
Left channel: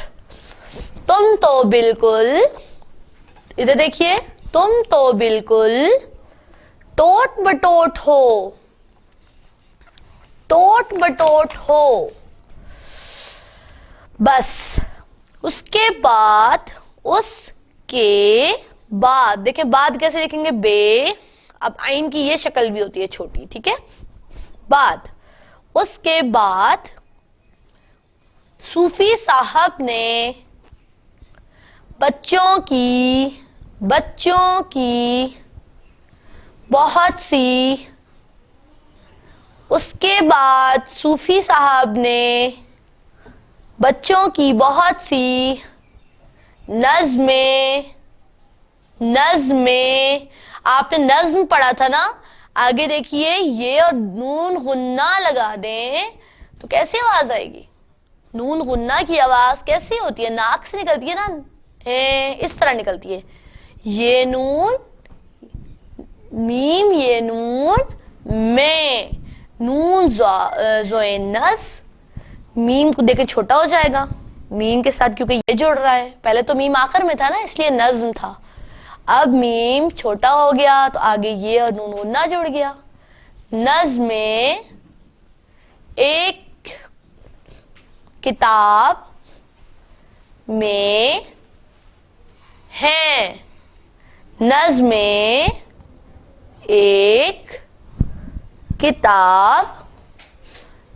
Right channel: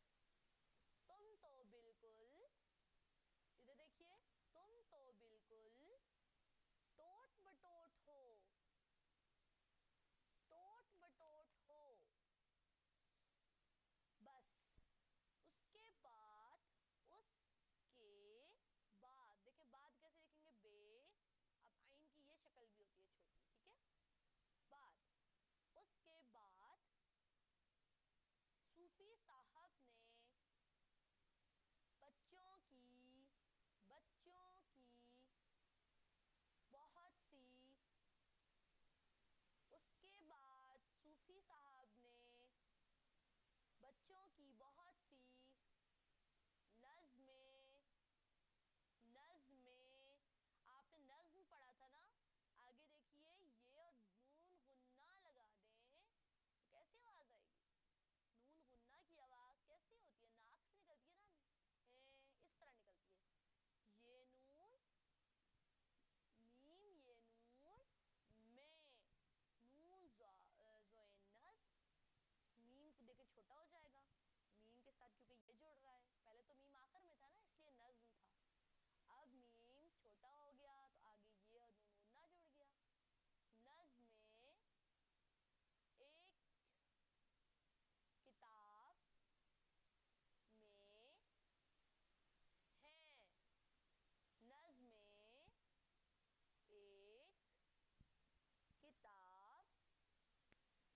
तुम तो बिल्कुल, इधर देखिए, तुम तो बिल्कुल टोट बटोट हो, टोट बटोट हो। बस उसके बाद, उसके बाद, देखिए बाद कैसे लिखेंगे, बे। अब आइन की ये शक्ल भी होती है छोटी, ठीक है। बाद, उसके बाद सूफी साहब ने बच्चों की बहुत सी, उसके बाद सूफी साहब ने बच्चों की बहुत सी नज़्में, आपने नज्म पढ़ा था ना, आगे देखिए ये और नून गुन्ना लगा दें तो कैसी आवाज आएगी। नून गुन्ना की आवाज कैसी होती है, नाक से निकलती है ना, इस तरह निकलती है। ये नून मीम, ये नून में, नून जोए नस, मीम को देखे छोटा हो जाएगा मीम के साथ, क्योंकि ये जुड़ रहा है। पहले तो मीम आखिर में था ना, इसलिए नज्म था। अब मीम छोटा हो गया तो आगे ये और नून गुन्ना जुड़ गया। नज्म में एक किताब में है, नज्म में एक किताब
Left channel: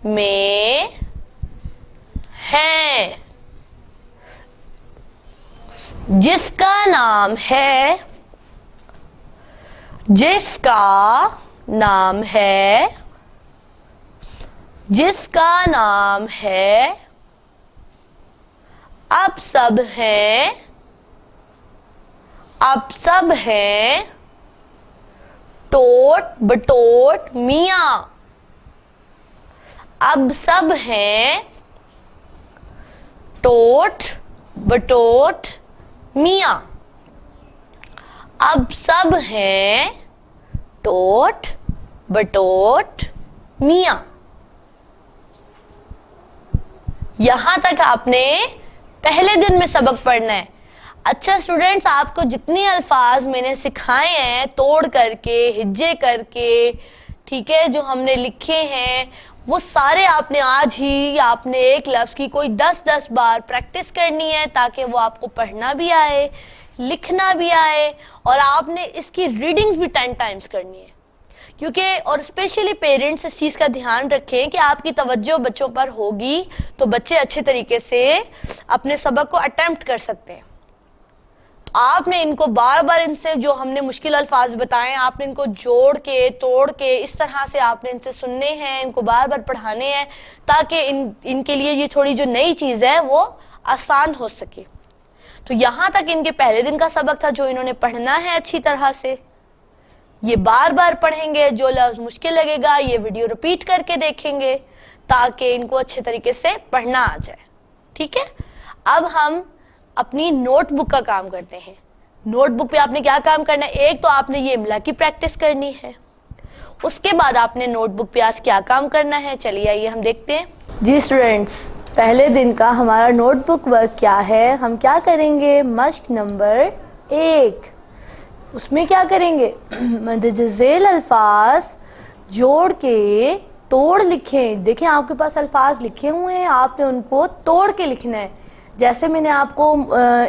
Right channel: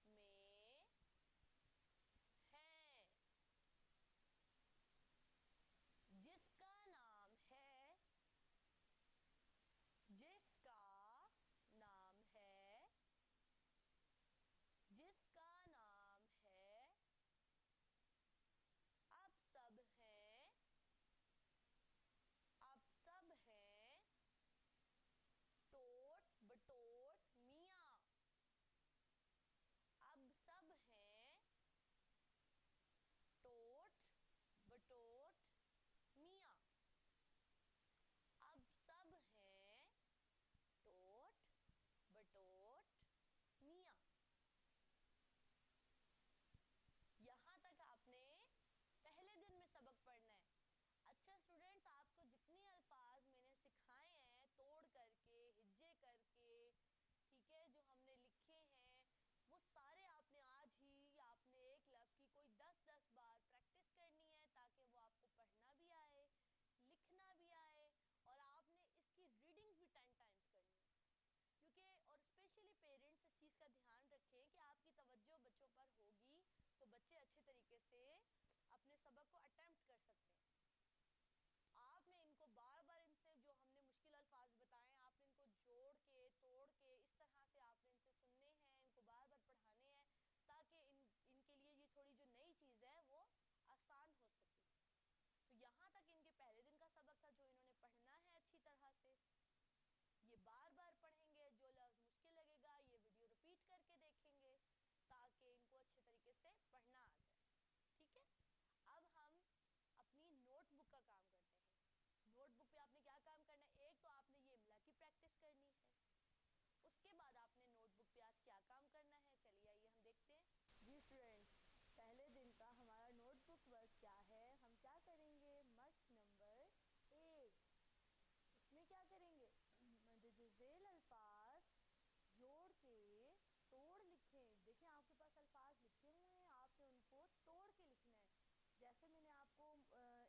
में है, जिसका नाम है, जिसका नाम है, जिसका नाम है अब सब हैं, अब सब हैं टोट बटोट मियाँ। अब सब हैं टोट बटोट मियाँ। अब सब हैं टोट बटोट मियाँ। यहां तक आपने पहले दिन में सबक पढ़ना है। अच्छा स्टूडेंट्स, आपको जितने अल्फाज मैंने सिखाए हैं तोड़ करके, हिज्जे करके, ठीक है, जो हमने लिखे हैं, वो सारे आपने आज ही, आपने एक लफ्ज की कोई 10-10 बार प्रैक्टिस करनी है, ताकि वो आपको पढ़ना भी आए, लिखना भी आए, और आपने इसकी रीडिंग्स भी 10 टाइम्स करनी है। क्योंकि और स्पेशली पेरेंट्स इस चीज़ का ध्यान रखें कि आपकी तवज्जो बच्चों पर होगी तो बच्चे अच्छे तरीके से अपने सबक को अटेम्प्ट कर सकते हैं। तो आपने इनको बार बार, इनसे जो हमने मुश्किल अल्फाज बताए, आपने इनको जोड़ के, तोड़ के, इस तरह से आपने इनसे सुनने हैं, इनको बार बार पढ़ाने हैं, ताकि इनके लिए ये थोड़ी जो नई चीज़ है वो आसान हो सके। तो यहाँ तक इनके पहले दिन का सबक था जो इन्होंने पढ़ना है अच्छी तरह से। ये बार बार पढ़ेंगे, जो लफ्ज मुश्किल लगेगा ये वीडियो रिपीट करके देखेंगे ताकि इनको अच्छे तरीके से पढ़ना आ जाए। ठीक है, अब हम अपनी नोटबुक का काम करते हैं। नोटबुक पे आपने क्या काम करना है, एक तो आपने ये इमला की प्रैक्टिस करनी है, उसके बाद आपने नोटबुक पे आज क्या काम करना है, चलिए आइए हम देखते हैं। जी स्टूडेंट्स, पहले दिन का हमारा नोटबुक वर्क क्या है, हम क्या करेंगे, मश्क नंबर 1, उसमें क्या करेंगे, मदजज़ेल अल्फाज जोड़ के तोड़ लिखें। देखें आपके पास अल्फाज लिखे हुए हैं, आपने उनको तोड़ के लिखना है। जैसे मैंने आपको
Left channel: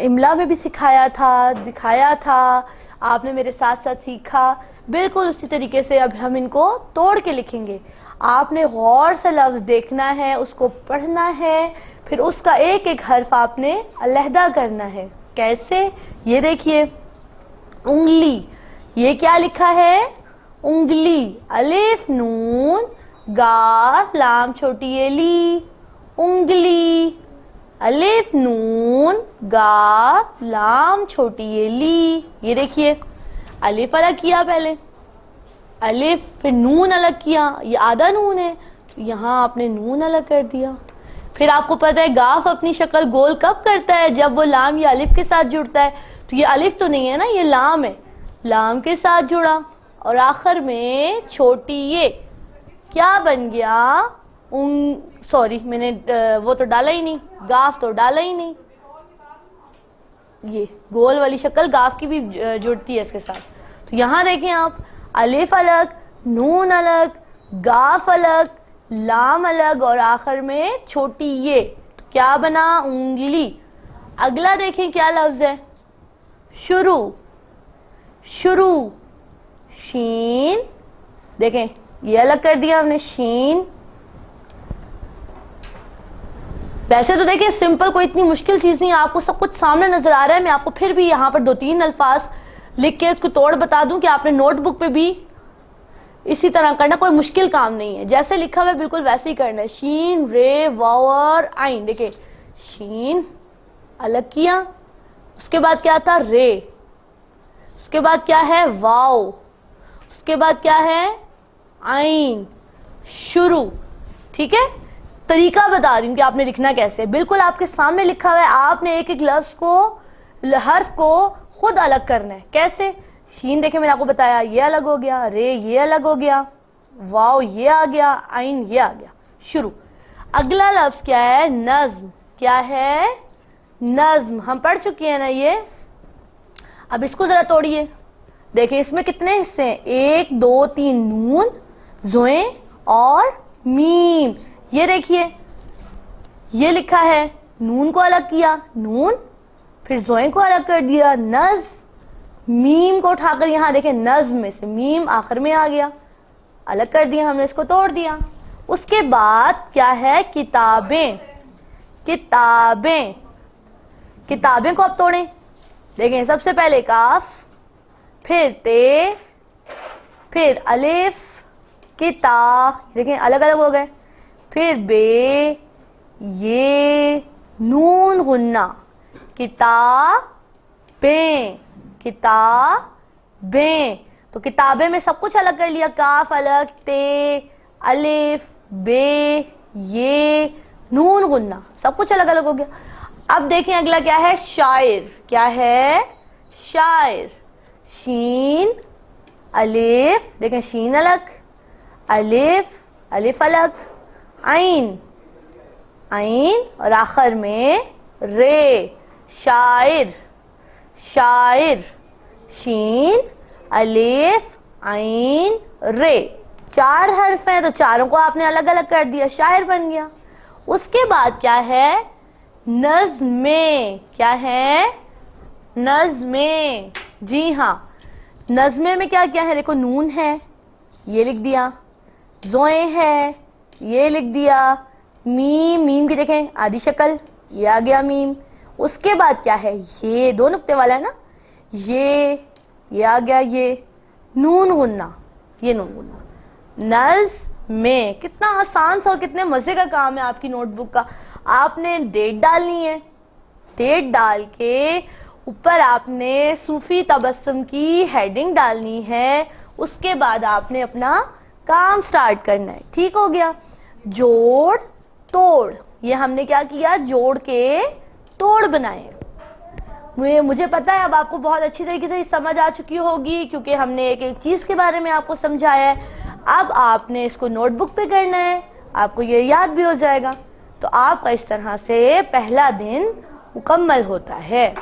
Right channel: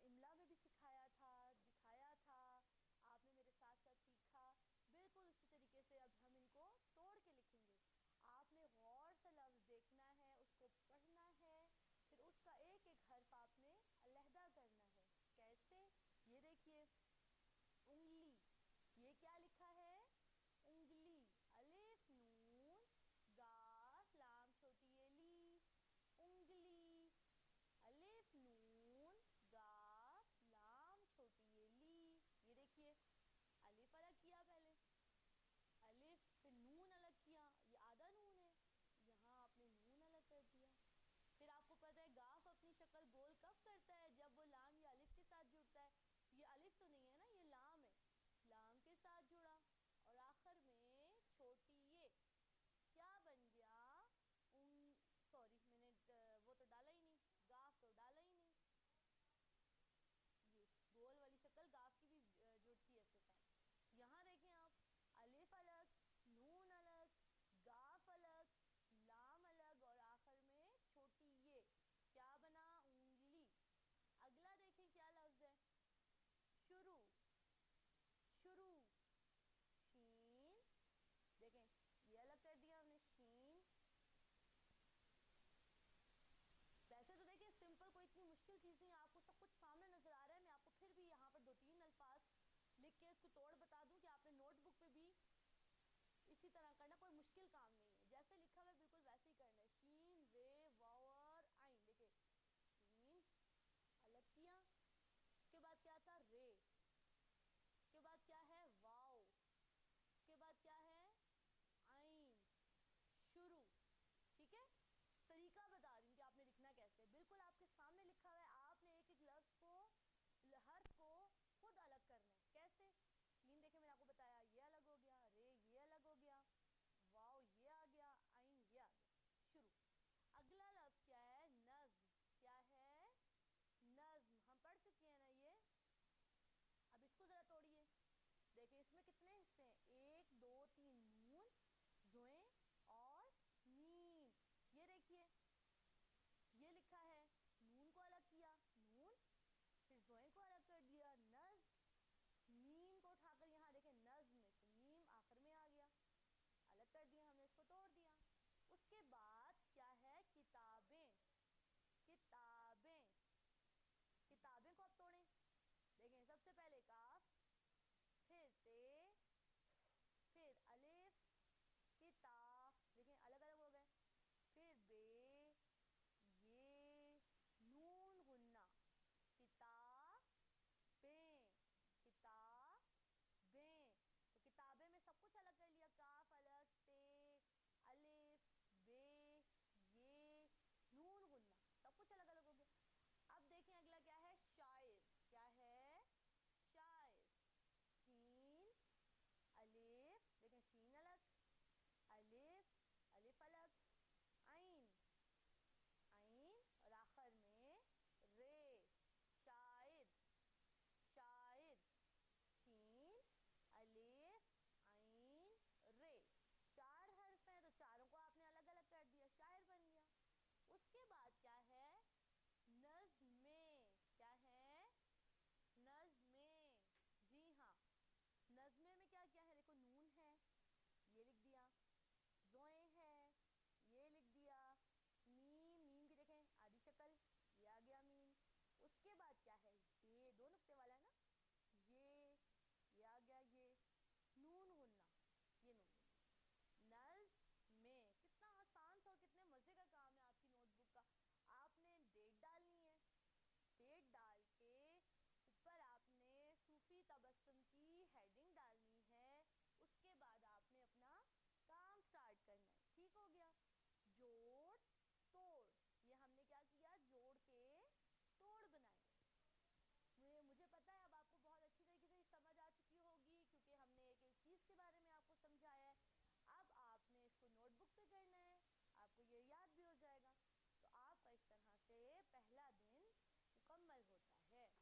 इमला में भी सिखाया था, दिखाया था, आपने मेरे साथ साथ सीखा, बिल्कुल उसी तरीके से अब हम इनको तोड़ के लिखेंगे। आपने गौर से लफ्ज़ देखना है, उसको पढ़ना है, फिर उसका एक एक हर्फ आपने अलहदा करना है। कैसे, ये देखिए, उंगली, ये क्या लिखा है, उंगली, अलिफ नून गाफ लाम छोटी एली, उंगली, अलिफ नून गाफ लाम छोटी एली। ये देखिए, अलिफ अलग किया पहले, अलिफ, फिर नून अलग किया, ये आधा नून है तो यहाँ आपने नून अलग कर दिया। फिर आपको पता है गाफ अपनी शक्ल गोल कब करता है, जब वो लाम या अलिफ के साथ जुड़ता है। तो ये अलिफ तो नहीं है ना, ये लाम है, लाम के साथ जुड़ा, और आखिर में छोटी ये क्या बन गया, सॉरी मैंने वो तो डाला ही नहीं, गाफ तो डाला ही नहीं। ये गोल वाली शक्ल गाफ की भी जुड़ती है इसके साथ। तो यहाँ देखें आप, अलिफ अलग, नून अलग, गाफ अलग, लाम अलग और आखिर में छोटी ये, तो क्या बना? उंगली। अगला देखें क्या लफ्ज है? शुरू। शुरू, शीन, देखें ये अलग कर दिया हमने, शीन। वैसे तो देखिए सिंपल, कोई इतनी मुश्किल चीज नहीं है, आपको सब कुछ सामने नजर आ रहा है। मैं आपको फिर भी यहाँ पर 2-3 अल्फाज लिख के उसको तोड़ बता दूं कि आपने नोटबुक पे भी इसी तरह करना, कोई मुश्किल काम नहीं है। जैसे लिखा हुआ है बिल्कुल वैसे ही करना है। शीन, रे, वाव और आइन। देखिए शीन अलग किया, उसके बाद क्या था? रे, उसके बाद क्या है? वाव, उसके बाद क्या है? आइन। शुरू। ठीक है, तरीका बता रही हूँ कि आपने लिखना कैसे। बिल्कुल आपके सामने लिखा हुआ है, आपने एक एक लफ्ज को, हर्फ को खुद अलग करना है। कैसे? शीन देखे मैंने आपको बताया, ये अलग हो गया, रे ये अलग हो गया, वाव ये आ गया, आइन ये आ गया। शुरू। अगला लफ्ज क्या है? नज्म। क्या है? नज्म। हम पढ़ चुके हैं ना ये। अब इसको जरा तोड़िए, देखिए इसमें कितने हिस्से हैं? 1 2 3 नून, ज़ोए और मीम। ये देखिए ये लिखा है, नून को अलग किया, नून, फिर ज़ोए को अलग कर दिया, नज, मीम को उठाकर यहाँ देखें नज्म में से मीम आखिर में आ गया, अलग कर दिया हमने, इसको तोड़ दिया। उसके बाद क्या है? किताबें। किताबें, किताबें को अब तोड़ें। देखें सबसे पहले काफ, फिर ते, फिर अलिफ, किता, देखें अलग अलग हो गए, फिर बे, ये, नून गुन्ना, किताबें। किताबें, तो किताबें में सब कुछ अलग कर लिया, काफ अलग, ते, अलिफ, बे, ये, नून गुन्ना, सब कुछ अलग अलग हो गया। अब देखें अगला क्या है? शायर। क्या है? शायर। शीन, अलिफ, देखें शीन अलग, अलिफ, अलिफ अलग, आइन, आइन और आखिर में रे। शायर। शायर, शीन, अलिफ, आइन, रे। 4 हर्फ हैं तो चारों को आपने अलग अलग कर दिया, शायर बन गया। उसके बाद क्या है? नज़्में। क्या है? नज़्में। जी हाँ, नज़्में में क्या क्या है? देखो नून है, ये लिख दिया, ज़ोए है, ये लिख दिया, मीम, मीम की देखें आधी शक्ल, ये आ गया मीम। उसके बाद क्या है? ये 2 नुक्ते वाला है ना, ये आ गया, ये नून गुन्ना, ये नून गुन्ना। नज़्में, कितना आसान सा और कितने मजे का काम है आपकी नोटबुक का। आपने डेट डालनी है, डेट डाल के ऊपर आपने सूफी तबस्सुम की हेडिंग डालनी है। उसके बाद आपने अपना काम स्टार्ट करना है। ठीक हो गया? जोड़ तोड़, ये हमने क्या किया? जोड़ के तोड़ बनाए। मुझे पता है अब आपको बहुत अच्छी तरीके से समझ आ चुकी होगी, क्योंकि हमने एक एक चीज़ के बारे में आपको समझाया है। अब आपने इसको नोटबुक पे करना है, आपको ये याद भी हो जाएगा। तो आपका इस तरह से पहला दिन मुकम्मल होता है।